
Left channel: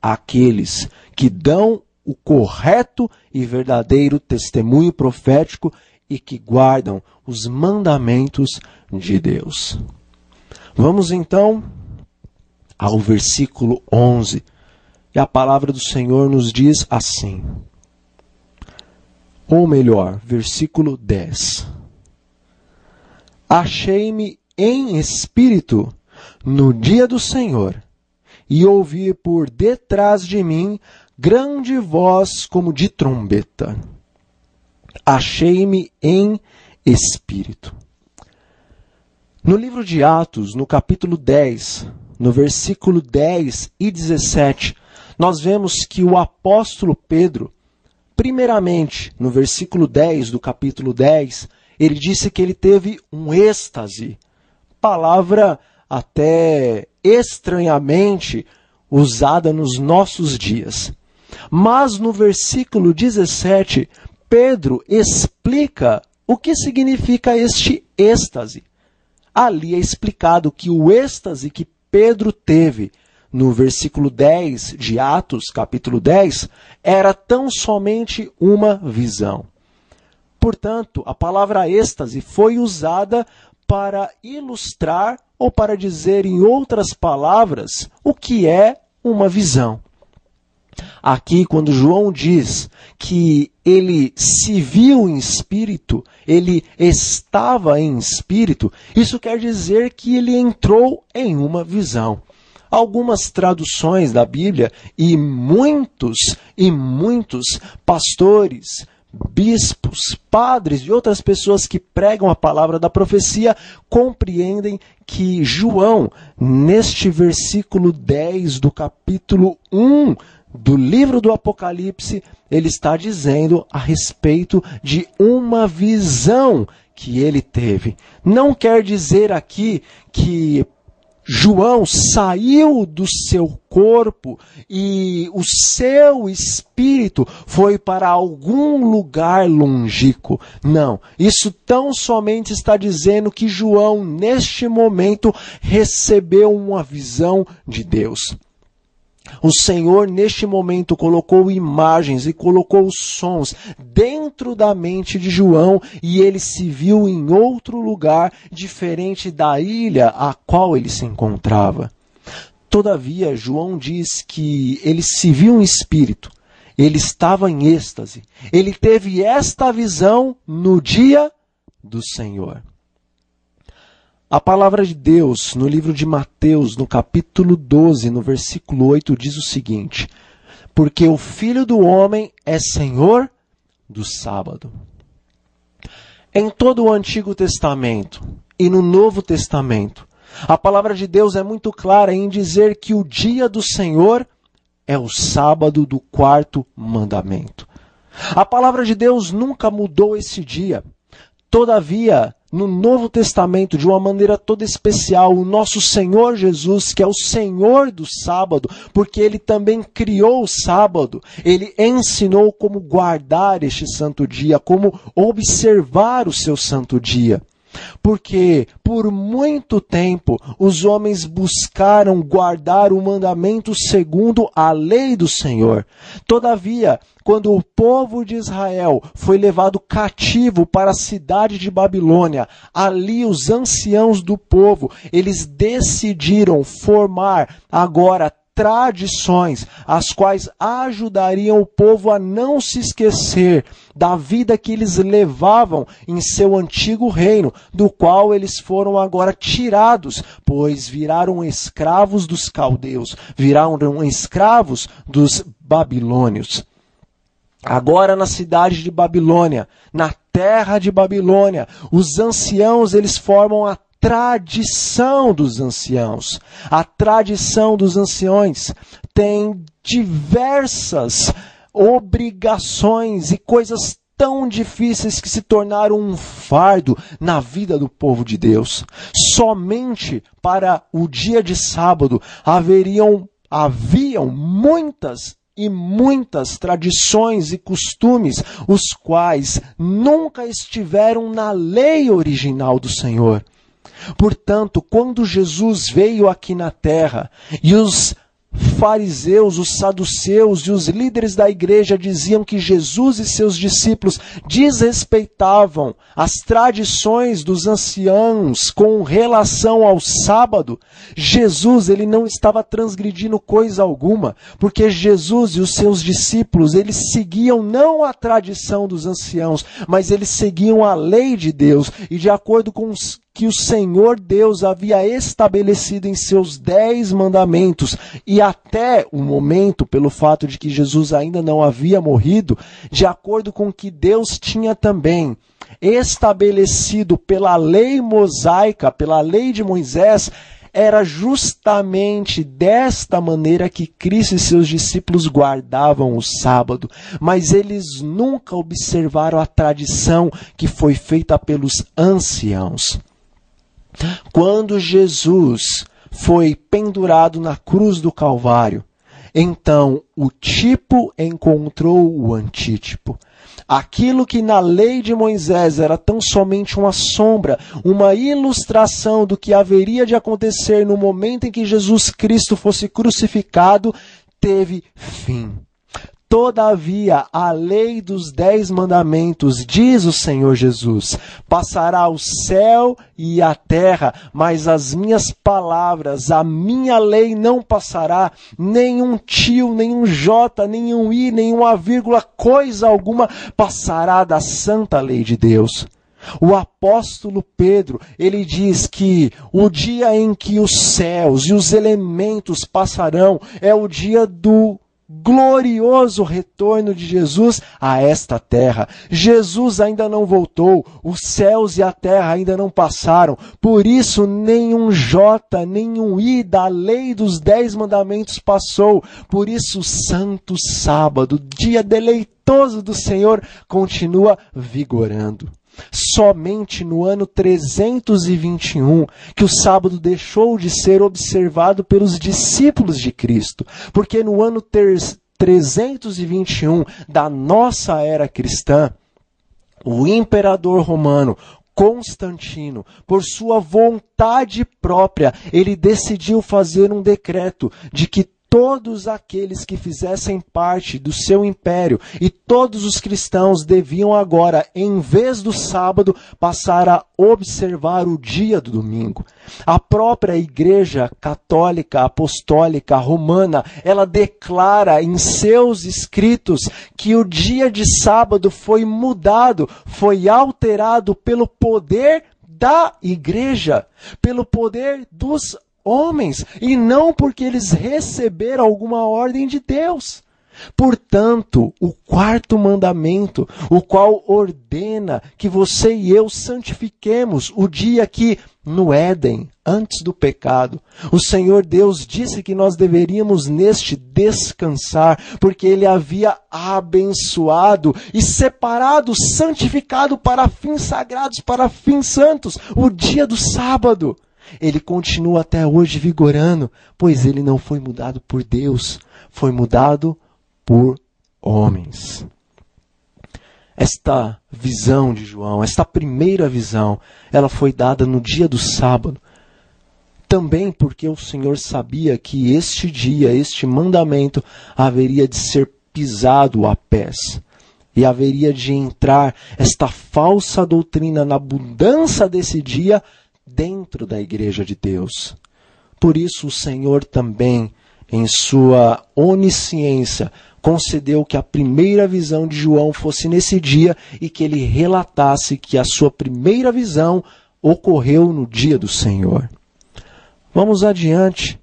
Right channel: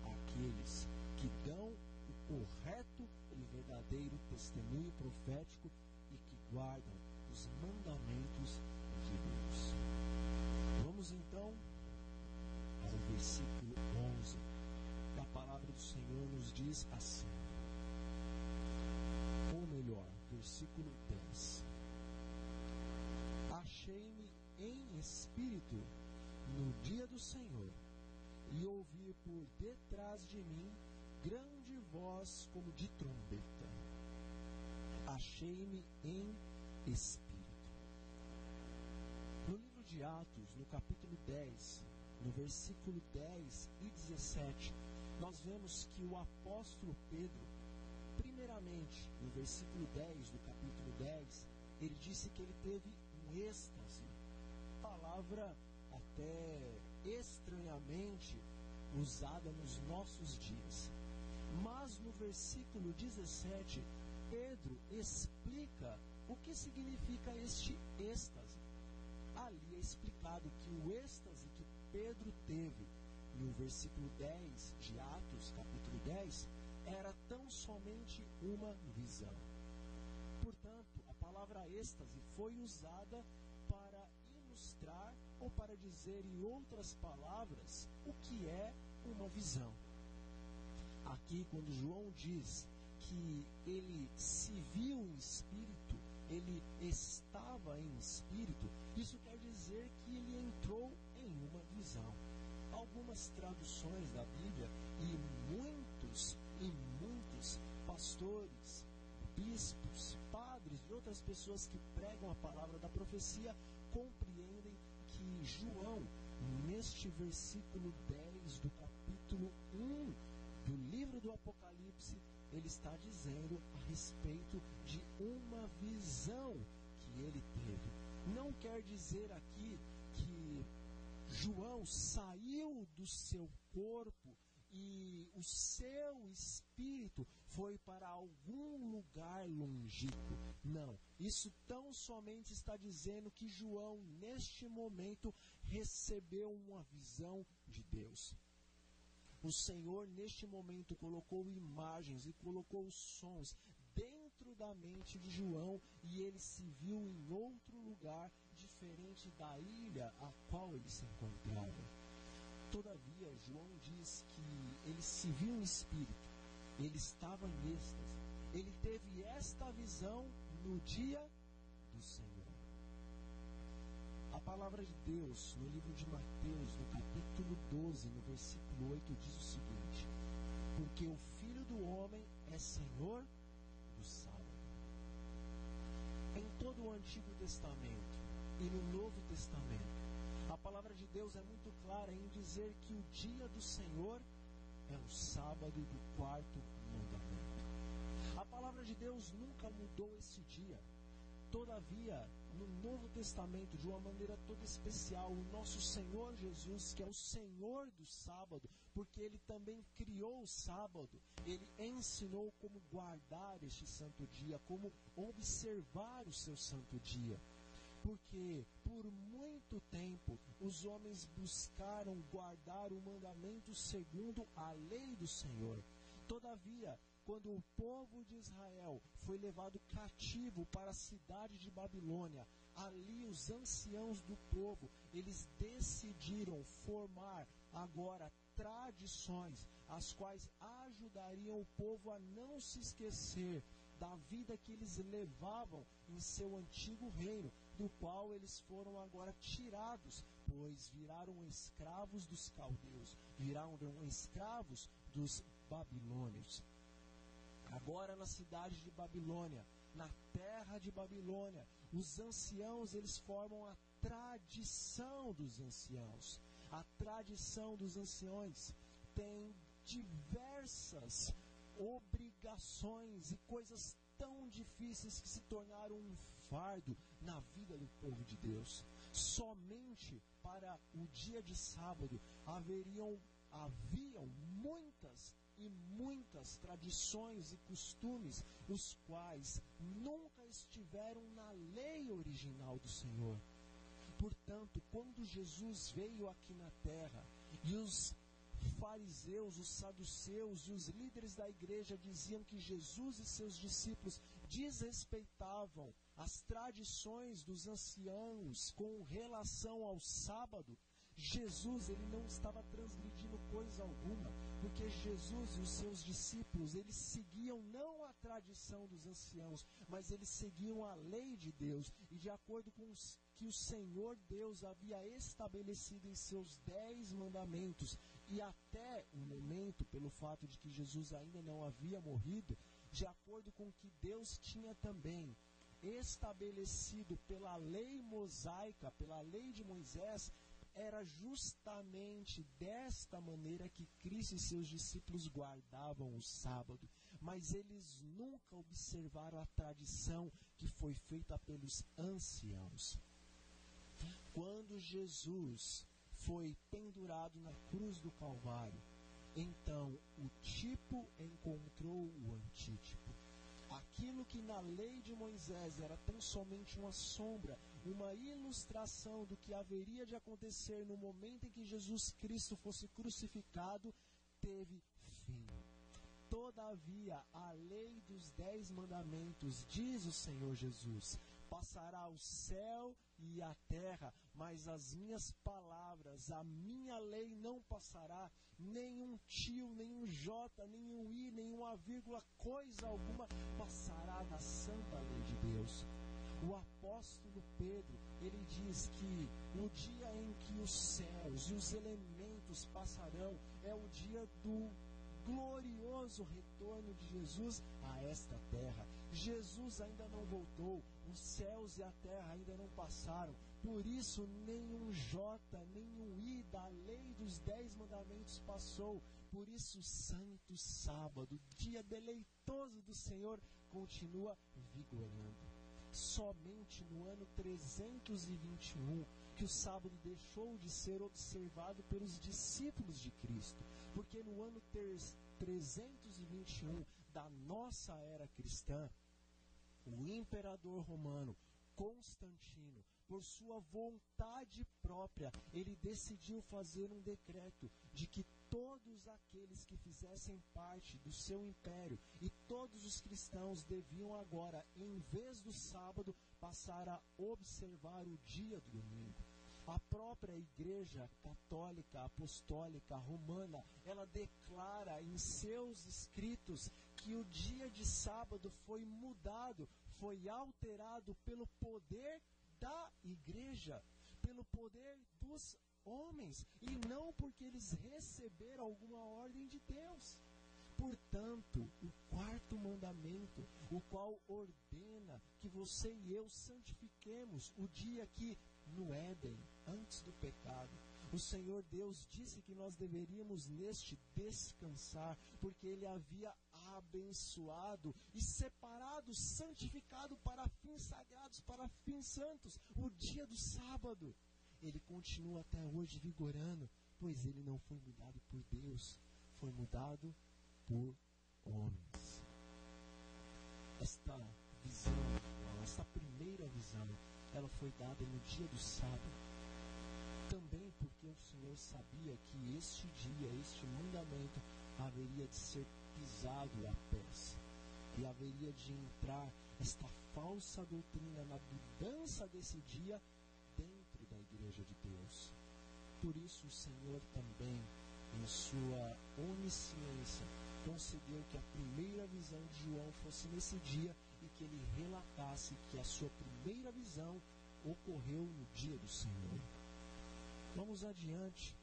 aqueles que dão o correto e verdadeiro testemunho profético e que guardam os mandamentos de Deus. Vamos então ao versículo 11. E a palavra do Senhor nos diz assim. Ou melhor, versículo 10. Achei-me em espírito no dia do Senhor, e ouvi por detrás de mim grande voz como de trombeta. Achei-me em espírito. No livro de Atos, no capítulo 10, no versículo 10 e 17, nós vemos que o apóstolo Pedro, primeiramente, no versículo 10 do capítulo 10, ele disse que ele teve um êxtase, palavra até estranhamente usada nos nossos dias. Mas no versículo 17, Pedro explica o que significa este êxtase. Ali é explicado que o êxtase que Pedro teve no versículo 10 de Atos, capítulo 10, era tão somente uma visão. Portanto, a palavra êxtase foi usada para ilustrar ou para dizer, em outras palavras, o que é uma visão. Aqui, quando João diz que ele se viu em espírito, ele estava em espírito, isso quer dizer que ele entrou em uma visão. Algumas traduções da Bíblia e muitos pastores, bispos, padres e outras pessoas que pregam a palavra da profecia compreendem que João, neste versículo 10 do capítulo 1 do livro do Apocalipse, ele está dizendo a respeito de uma visão que ele teve. Não quer dizer aqui que João saiu do seu corpo e o seu espírito foi para algum lugar longínquo. Não, isso tão somente está dizendo que João, neste momento, recebeu uma visão de Deus. O Senhor, neste momento, colocou imagens e colocou sons dentro da mente de João e ele se viu em outro lugar diferente da ilha a qual ele se encontrava. Todavia, João diz que ele se viu em espírito, ele estava em êxtase, ele teve esta visão no dia do Senhor. A palavra de Deus, no livro de Mateus, no capítulo 12, no versículo 8, diz o seguinte: porque o Filho do Homem é Senhor do sábado. Em todo o Antigo Testamento e no Novo Testamento, a palavra de Deus é muito clara em dizer que o dia do Senhor é o sábado do quarto mandamento. A palavra de Deus nunca mudou esse dia. Todavia, no Novo Testamento, de uma maneira toda especial, o nosso Senhor Jesus, que é o Senhor do sábado, porque Ele também criou o sábado, Ele ensinou como guardar este santo dia, como observar o seu santo dia. Porque por muito tempo os homens buscaram guardar o mandamento segundo a lei do Senhor. Todavia, quando o povo de Israel foi levado cativo para a cidade de Babilônia, ali os anciãos do povo, eles decidiram formar agora tradições, as quais ajudariam o povo a não se esquecer da vida que eles levavam em seu antigo reino, do qual eles foram agora tirados, pois viraram escravos dos caldeus, viraram escravos dos babilônios. Agora na cidade de Babilônia, na terra de Babilônia, os anciãos eles formam a tradição dos anciãos. A tradição dos anciões tem diversas obrigações e coisas tão difíceis que se tornaram um fardo na vida do povo de Deus. Somente para o dia de sábado haviam muitas e muitas tradições e costumes, os quais nunca estiveram na lei original do Senhor. Portanto, quando Jesus veio aqui na terra e os fariseus, os saduceus e os líderes da igreja diziam que Jesus e seus discípulos desrespeitavam as tradições dos anciãos com relação ao sábado, Jesus ele não estava transgredindo coisa alguma, porque Jesus e os seus discípulos, eles seguiam não a tradição dos anciãos, mas eles seguiam a lei de Deus, e de acordo com que o Senhor Deus havia estabelecido em seus 10 mandamentos, e até o momento, pelo fato de que Jesus ainda não havia morrido, de acordo com que Deus tinha também estabelecido pela lei mosaica, pela lei de Moisés, era justamente desta maneira que Cristo e seus discípulos guardavam o sábado, mas eles nunca observaram a tradição que foi feita pelos anciãos. Quando Jesus foi pendurado na cruz do Calvário, então o tipo encontrou o antítipo. Aquilo que na lei de Moisés era tão somente uma sombra, uma ilustração do que haveria de acontecer no momento em que Jesus Cristo fosse crucificado, teve fim. Todavia, a lei dos 10 mandamentos, diz o Senhor Jesus, passará o céu e a terra, mas as minhas palavras, a minha lei não passará, nenhum tio, nenhum jota, nenhum i, nenhuma vírgula, coisa alguma passará da santa lei de Deus. O apóstolo Pedro, ele diz que o dia em que os céus e os elementos passarão é o dia do glorioso retorno de Jesus a esta terra. Jesus ainda não voltou, os céus e a terra ainda não passaram, por isso nenhum jota, nenhum i da lei dos 10 mandamentos passou, por isso o santo sábado, dia deleitoso do Senhor, continua vigorando. Somente no ano 321 que o sábado deixou de ser observado pelos discípulos de Cristo, porque no ano 321 da nossa era cristã, o imperador romano Constantino, por sua vontade própria, ele decidiu fazer um decreto de que todos aqueles que fizessem parte do seu império e todos os cristãos deviam agora, em vez do sábado, passar a observar o dia do domingo. A própria Igreja Católica Apostólica Romana, ela declara em seus escritos que o dia de sábado foi mudado, foi alterado pelo poder da Igreja, pelo poder dos homens, e não porque eles receberam alguma ordem de Deus. Portanto, o quarto mandamento, o qual ordena que você e eu santifiquemos o dia que, no Éden, antes do pecado, o Senhor Deus disse que nós deveríamos neste descansar, porque Ele havia abençoado e separado, santificado para fins sagrados, para fins santos, o dia do sábado. Ele continua até hoje vigorando, pois ele não foi mudado por Deus, foi mudado por homens. Esta visão de João, esta primeira visão, ela foi dada no dia do sábado, também porque o Senhor sabia que este dia, este mandamento, haveria de ser pisado a pés. E haveria de entrar esta falsa doutrina na abundância desse dia dentro da igreja de Deus. Por isso o Senhor também, em sua onisciência, concedeu que a primeira visão de João fosse nesse dia e que ele relatasse que a sua primeira visão ocorreu no dia do Senhor. Vamos adiante.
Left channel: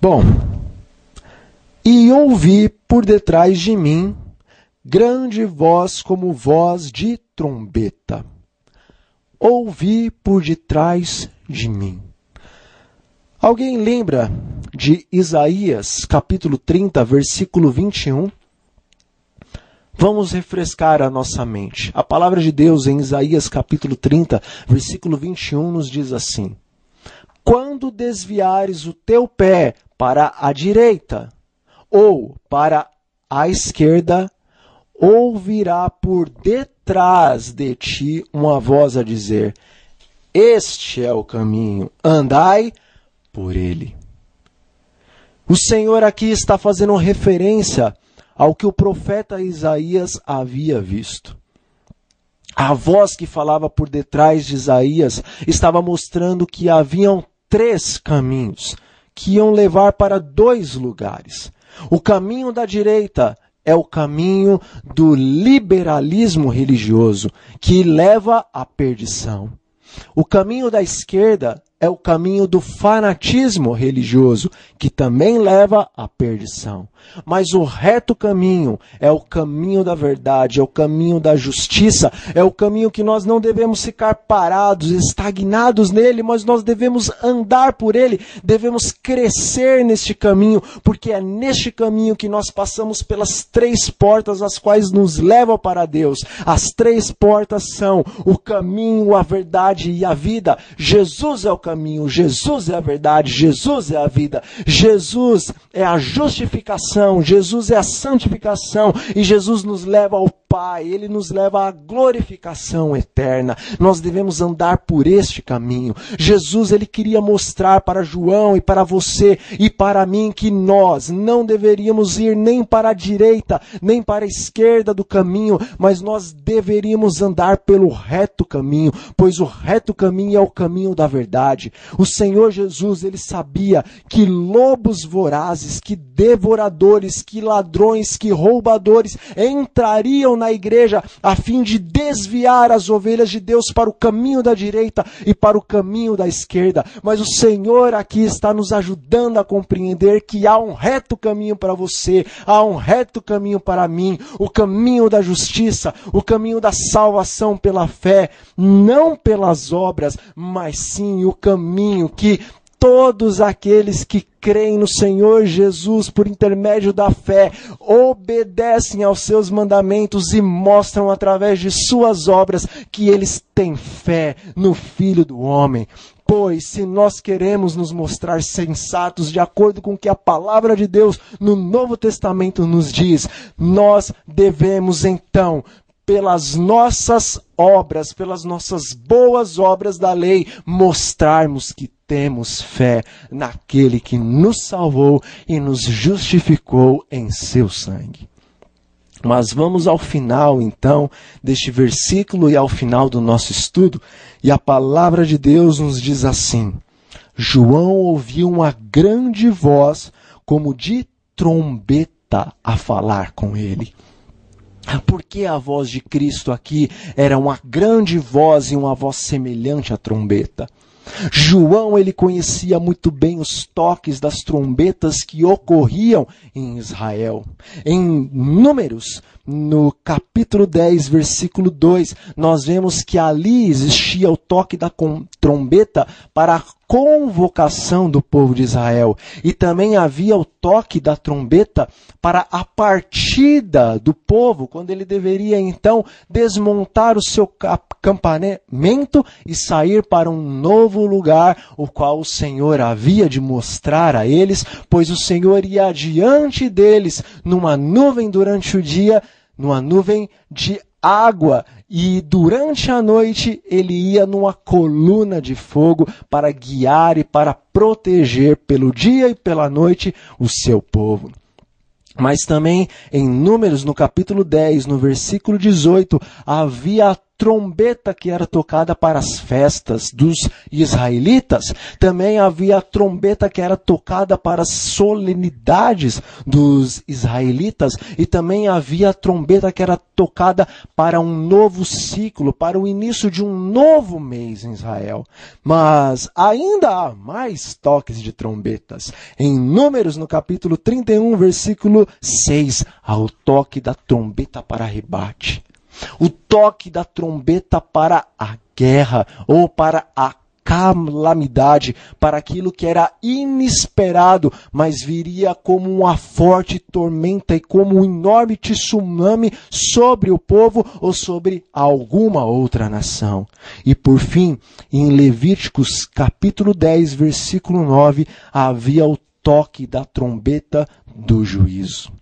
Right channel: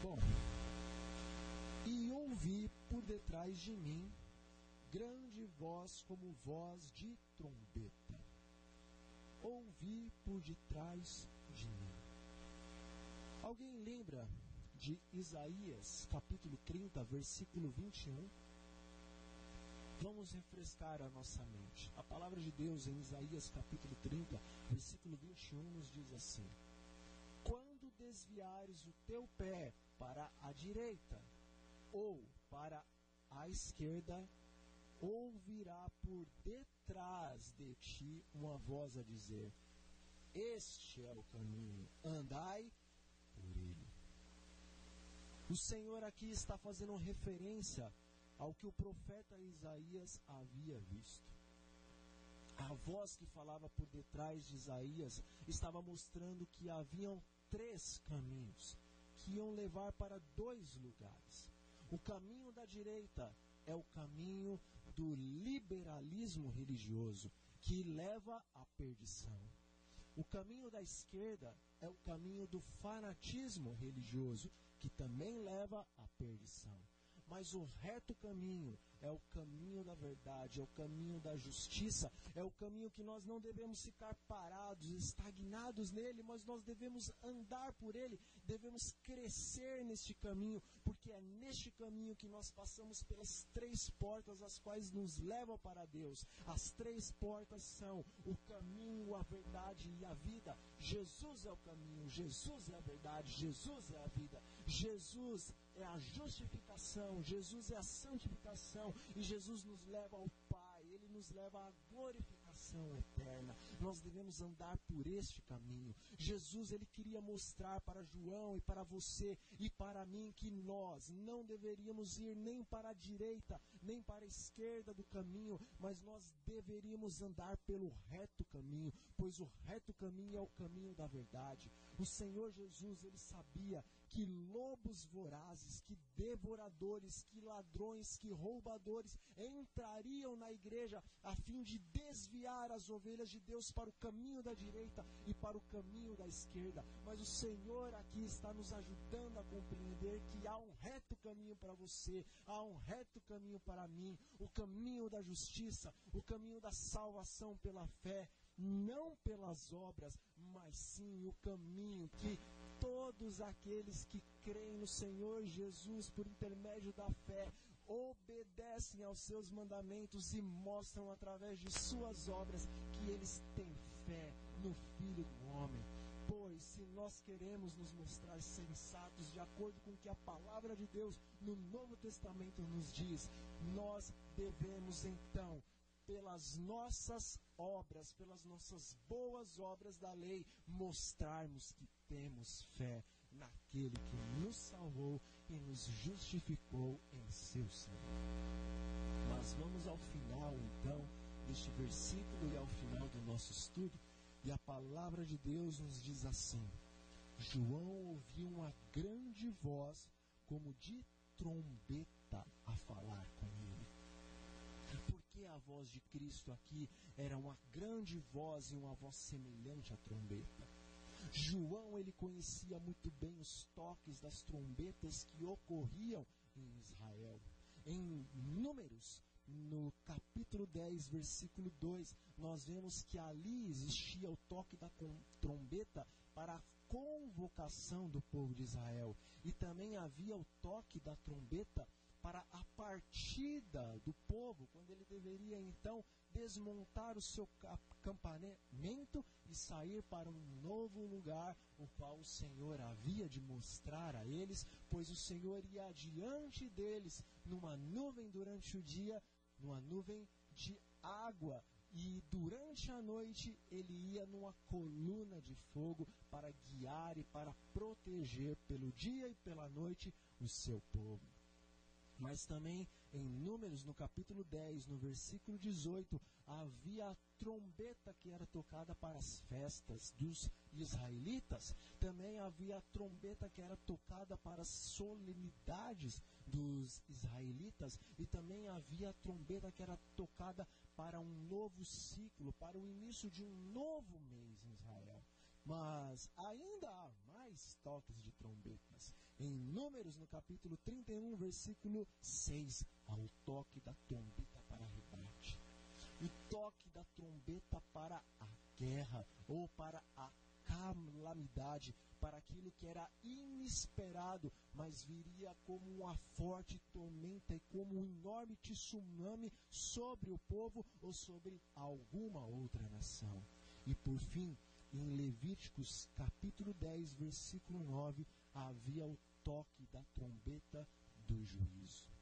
Bom, e ouvi por detrás de mim grande voz como voz de trombeta. Ouvi por detrás de mim. Alguém lembra de Isaías, capítulo 30, versículo 21? Vamos refrescar a nossa mente. A palavra de Deus em Isaías, capítulo 30, versículo 21, nos diz assim: quando desviares o teu pé para a direita ou para a esquerda, ouvirá por detrás de ti uma voz a dizer: este é o caminho, andai por ele. O Senhor aqui está fazendo referência ao que o profeta Isaías havia visto. A voz que falava por detrás de Isaías estava mostrando que haviam 3 caminhos que iam levar para 2 lugares. O caminho da direita é o caminho do liberalismo religioso, que leva à perdição. O caminho da esquerda é o caminho do fanatismo religioso, que também leva à perdição. Mas o reto caminho é o caminho da verdade, é o caminho da justiça, é o caminho que nós não devemos ficar parados, estagnados nele, mas nós devemos andar por ele, devemos crescer neste caminho, porque é neste caminho que nós passamos pelas 3 portas, as quais nos levam para Deus. As 3 portas são o caminho, a verdade e a vida. Jesus é o caminho, Jesus é a verdade, Jesus é a vida. Jesus é a justificação, Jesus é a santificação e Jesus nos leva ao Pai, Ele nos leva à glorificação eterna. Nós devemos andar por este caminho. Jesus, Ele queria mostrar para João e para você e para mim que nós não deveríamos ir nem para a direita, nem para a esquerda do caminho, mas nós deveríamos andar pelo reto caminho, pois o reto caminho é o caminho da verdade. O Senhor Jesus, Ele sabia que lobos vorazes, que devoradores, que ladrões, que roubadores entrariam na igreja a fim de desviar as ovelhas de Deus para o caminho da direita e para o caminho da esquerda. Mas o Senhor aqui está nos ajudando a compreender que há um reto caminho para você, há um reto caminho para mim, o caminho da justiça, o caminho da salvação pela fé, não pelas obras, mas sim o caminho que todos aqueles que creem no Senhor Jesus por intermédio da fé, obedecem aos seus mandamentos e mostram através de suas obras que eles têm fé no Filho do Homem. Pois se nós queremos nos mostrar sensatos de acordo com o que a palavra de Deus no Novo Testamento nos diz, nós devemos então, pelas nossas obras, pelas nossas boas obras da lei, mostrarmos que temos fé naquele que nos salvou e nos justificou em seu sangue. Mas vamos ao final, então, deste versículo e ao final do nosso estudo, e a palavra de Deus nos diz assim: João ouviu uma grande voz, como de trombeta, a falar com ele. Porque a voz de Cristo aqui era uma grande voz e uma voz semelhante à trombeta? João, ele conhecia muito bem os toques das trombetas que ocorriam em Israel. Em Números, no capítulo 10, versículo 2, nós vemos que ali existia o toque da trombeta para a convocação do povo de Israel. E também havia o toque da trombeta para a partida do povo, quando ele deveria então desmontar o seu acampamento e sair para um novo lugar, o qual o Senhor havia de mostrar a eles, pois o Senhor ia adiante deles numa nuvem durante o dia, numa nuvem de água, e durante a noite ele ia numa coluna de fogo para guiar e para proteger pelo dia e pela noite o seu povo. Mas também em Números, no capítulo 10, no versículo 18, havia a trombeta que era tocada para as festas dos israelitas. Também havia a trombeta que era tocada para as solenidades dos israelitas. E também havia a trombeta que era tocada para um novo ciclo, para o início de um novo mês em Israel. Mas ainda há mais toques de trombetas. Em Números, no capítulo 31, versículo 6, há o toque da trombeta para rebate. O toque da trombeta para a guerra ou para a calamidade, para aquilo que era inesperado, mas viria como uma forte tormenta e como um enorme tsunami sobre o povo ou sobre alguma outra nação. E por fim, em Levíticos capítulo 10, versículo 9, havia o toque da trombeta do juízo.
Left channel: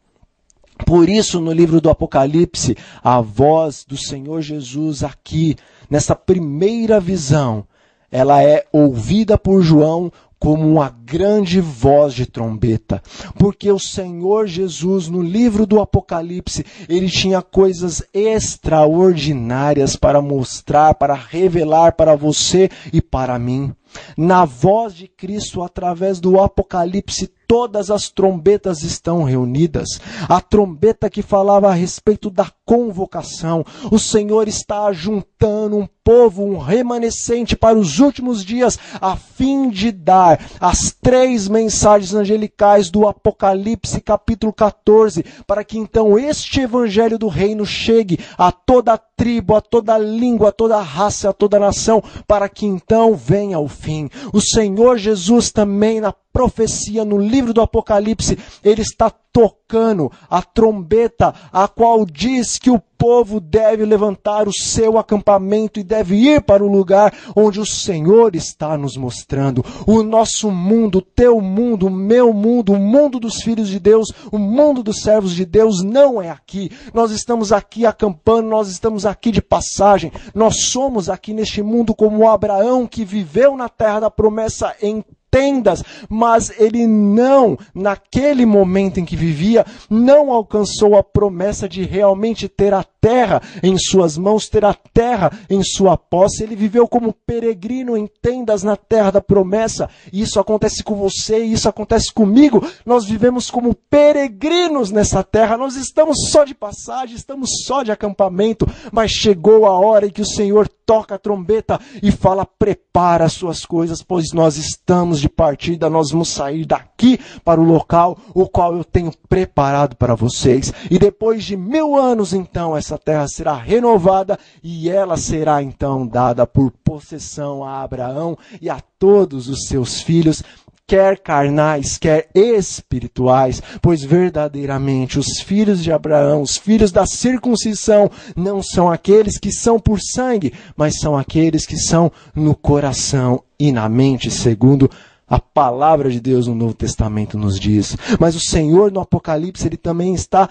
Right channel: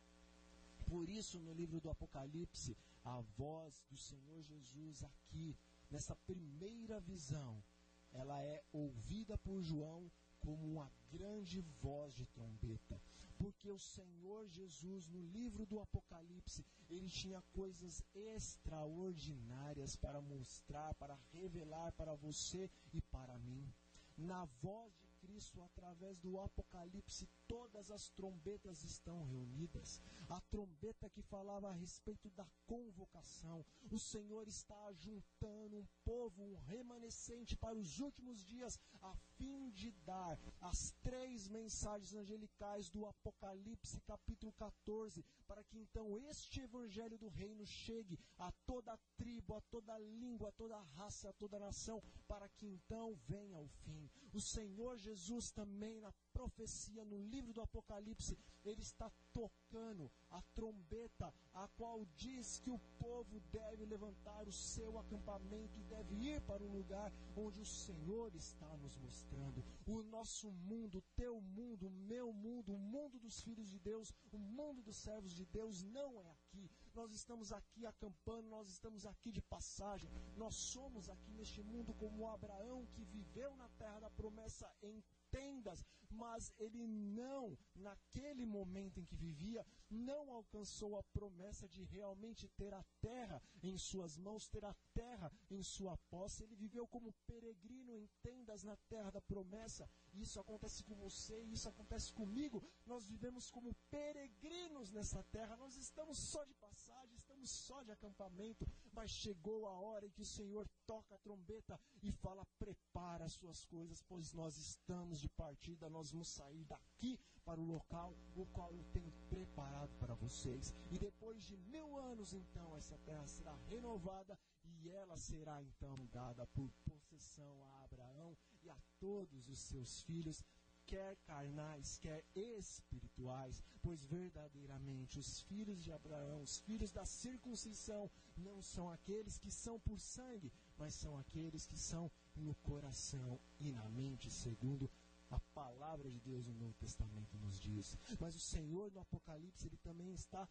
Por isso, no livro do Apocalipse, a voz do Senhor Jesus aqui, nessa primeira visão, ela é ouvida por João como uma grande voz de trombeta. Porque o Senhor Jesus, no livro do Apocalipse, ele tinha coisas extraordinárias para mostrar, para revelar para você e para mim. Na voz de Cristo, através do Apocalipse, todas as trombetas estão reunidas. A trombeta que falava a respeito da convocação. O Senhor está juntando um povo, um remanescente para os últimos dias, a fim de dar as 3 mensagens angelicais do Apocalipse capítulo 14, para que então este evangelho do reino chegue a toda tribo, a toda língua, a toda raça, a toda nação, para que então venha o fim. O Senhor Jesus também, na profecia, no livro do Apocalipse, ele está tocando a trombeta, a qual diz que o povo deve levantar o seu acampamento e deve ir para o lugar onde o Senhor está nos mostrando. O nosso mundo, o teu mundo, o meu mundo, o mundo dos filhos de Deus, o mundo dos servos de Deus não é aqui. Nós estamos aqui acampando, nós estamos aqui de passagem. Nós somos aqui neste mundo como Abraão, que viveu na terra da promessa em tendas, mas ele não, naquele momento em que vivia, não alcançou a promessa de realmente ter a terra em suas mãos, ter a terra em sua posse. Ele viveu como peregrino em tendas na terra da promessa. Isso acontece com você, isso acontece comigo. Nós vivemos como peregrinos nessa terra. Nós estamos só de passagem, estamos só de acampamento, mas chegou a hora em que o Senhor toca a trombeta e fala: prepara as suas coisas, pois nós estamos de partida, nós vamos sair daqui para o local o qual eu tenho preparado para vocês. E depois de 1000 anos, então, essa terra será renovada e ela será então dada por possessão a Abraão e a todos os seus filhos, quer carnais, quer espirituais, pois verdadeiramente os filhos de Abraão, os filhos da circuncisão, não são aqueles que são por sangue, mas são aqueles que são no coração e na mente, segundo a palavra de Deus no Novo Testamento nos diz. Mas o Senhor no Apocalipse, ele também está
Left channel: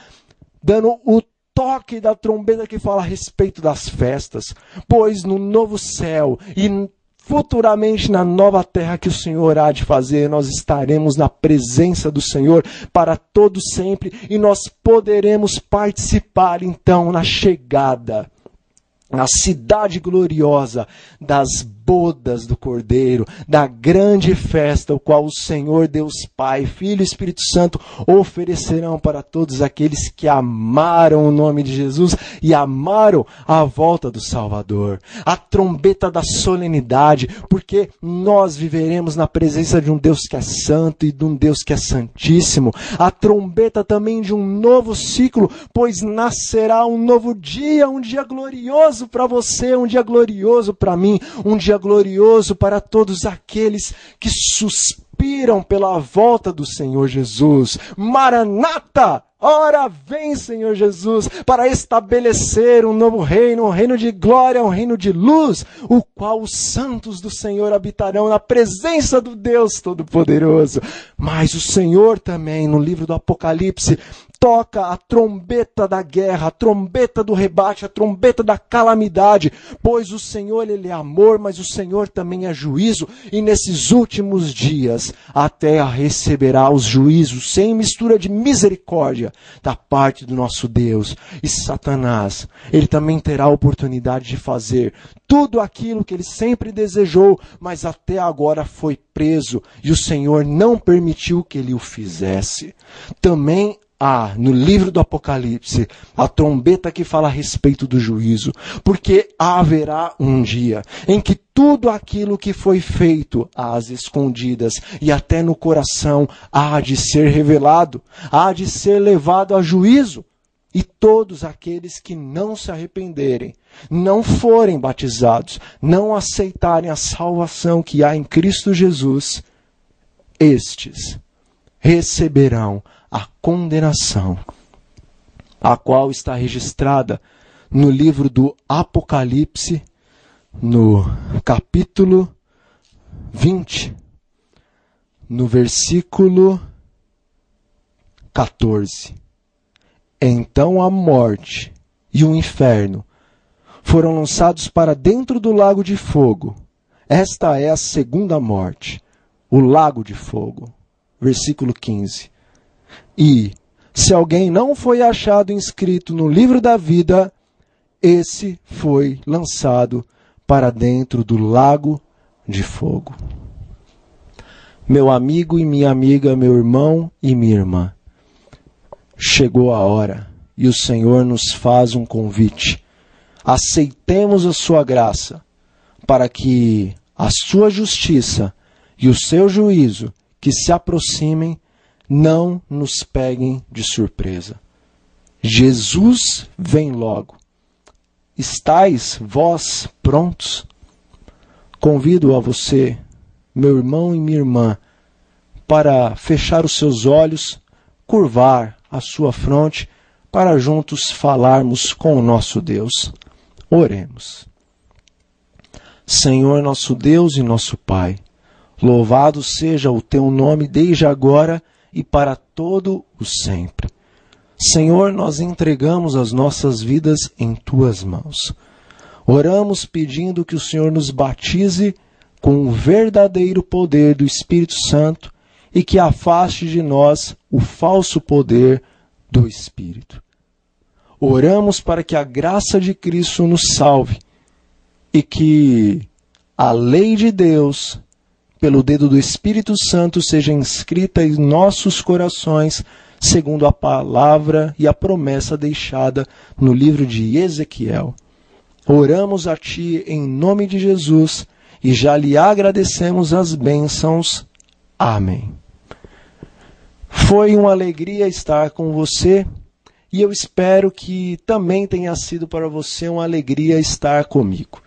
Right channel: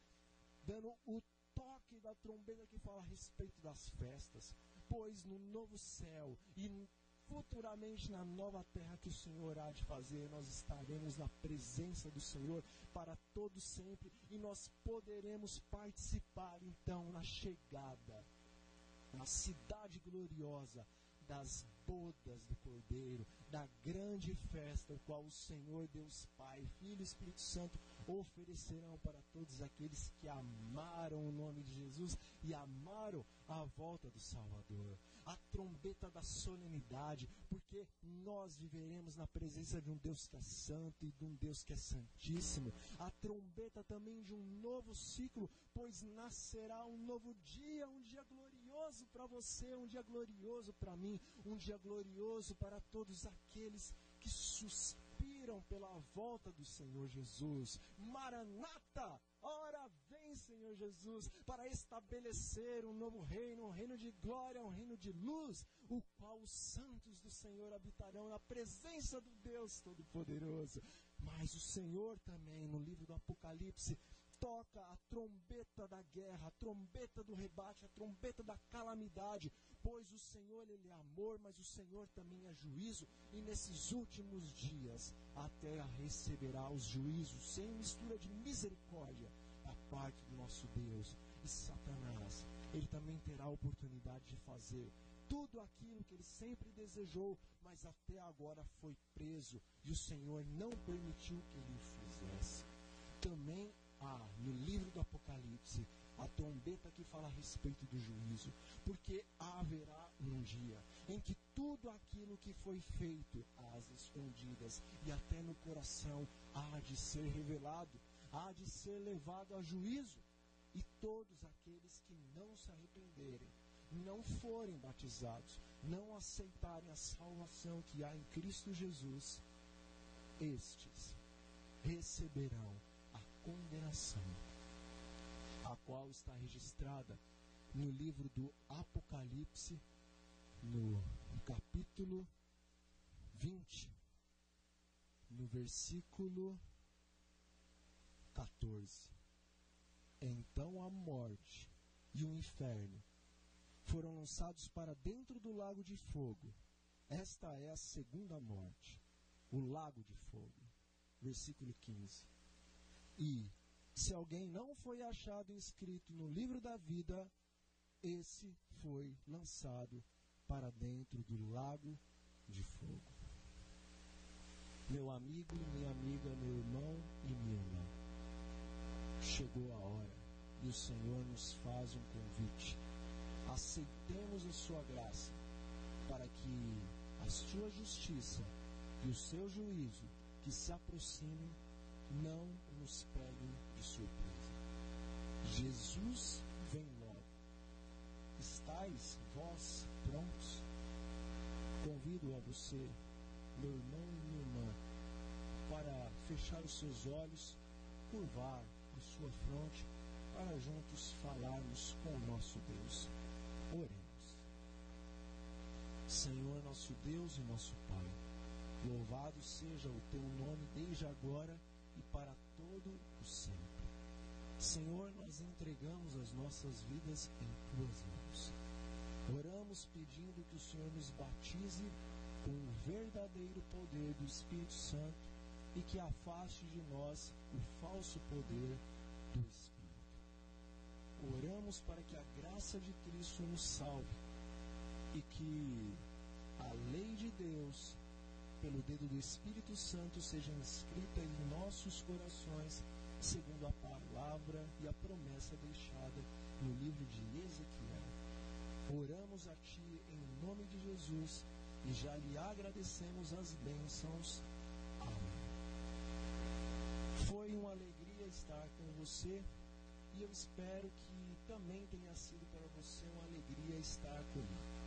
dando o toque da trombeta que fala a respeito das festas, pois no novo céu e futuramente na nova terra que o Senhor há de fazer, nós estaremos na presença do Senhor para todo sempre e nós poderemos participar então na chegada, na cidade gloriosa das bodas do Cordeiro, da grande festa, o qual o Senhor Deus Pai, Filho e Espírito Santo oferecerão para todos aqueles que amaram o nome de Jesus e amaram a volta do Salvador. A trombeta da solenidade, porque nós viveremos na presença de um Deus que é santo e de um Deus que é santíssimo. A trombeta também de um novo ciclo, pois nascerá um novo dia, um dia glorioso para você, um dia glorioso para mim, um dia glorioso para todos aqueles que suspiram pela volta do Senhor Jesus. Maranata! Ora vem, Senhor Jesus, para estabelecer um novo reino, um reino de glória, um reino de luz, o qual os santos do Senhor habitarão na presença do Deus Todo-Poderoso. Mas o Senhor também, no livro do Apocalipse, toca a trombeta da guerra, a trombeta do rebate, a trombeta da calamidade, pois o Senhor, Ele é amor, mas o Senhor também é juízo, e nesses últimos dias a terra receberá os juízos sem mistura de misericórdia da parte do nosso Deus. E Satanás, ele também terá a oportunidade de fazer tudo aquilo que ele sempre desejou, mas até agora foi preso, e o Senhor não permitiu que ele o fizesse. Também no livro do Apocalipse, a trombeta que fala a respeito do juízo, porque haverá um dia em que tudo aquilo que foi feito às escondidas e até no coração há de ser revelado, há de ser levado a juízo, e todos aqueles que não se arrependerem, não forem batizados, não aceitarem a salvação que há em Cristo Jesus, estes receberão a condenação, a qual está registrada no livro do Apocalipse, no capítulo 20, no versículo 14. Então a morte e o inferno foram lançados para dentro do lago de fogo. Esta é a segunda morte, o lago de fogo. Versículo 15. E, se alguém não foi achado inscrito no livro da vida, esse foi lançado para dentro do lago de fogo. Meu amigo e minha amiga, meu irmão e minha irmã, chegou a hora e o Senhor nos faz um convite. Aceitemos a sua graça para que a sua justiça e o seu juízo que se aproximem não nos peguem de surpresa. Jesus vem logo. Estais vós prontos? Convido a você, meu irmão e minha irmã, para fechar os seus olhos, curvar a sua fronte, para juntos falarmos com o nosso Deus. Oremos. Senhor nosso Deus e nosso Pai, louvado seja o teu nome desde agora e para todo o sempre. Senhor, nós entregamos as nossas vidas em tuas mãos. Oramos pedindo que o Senhor nos batize com o verdadeiro poder do Espírito Santo e que afaste de nós o falso poder do Espírito. Oramos para que a graça de Cristo nos salve e que a lei de Deus, pelo dedo do Espírito Santo, seja inscrita em nossos corações, segundo a palavra e a promessa deixada no livro de Ezequiel. Oramos a Ti em nome de Jesus e já lhe agradecemos as bênçãos. Amém. Foi uma alegria estar com você e eu espero que também tenha sido para você uma alegria estar comigo.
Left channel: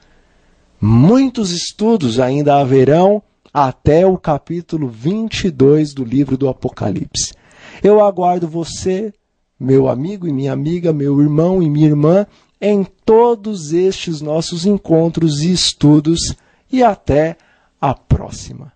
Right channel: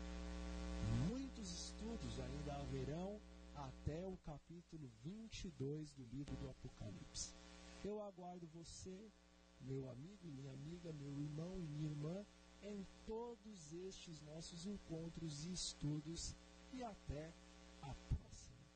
Muitos estudos ainda haverão até o capítulo 22 do livro do Apocalipse. Eu aguardo você, meu amigo e minha amiga, meu irmão e minha irmã, em todos estes nossos encontros e estudos, e até a próxima.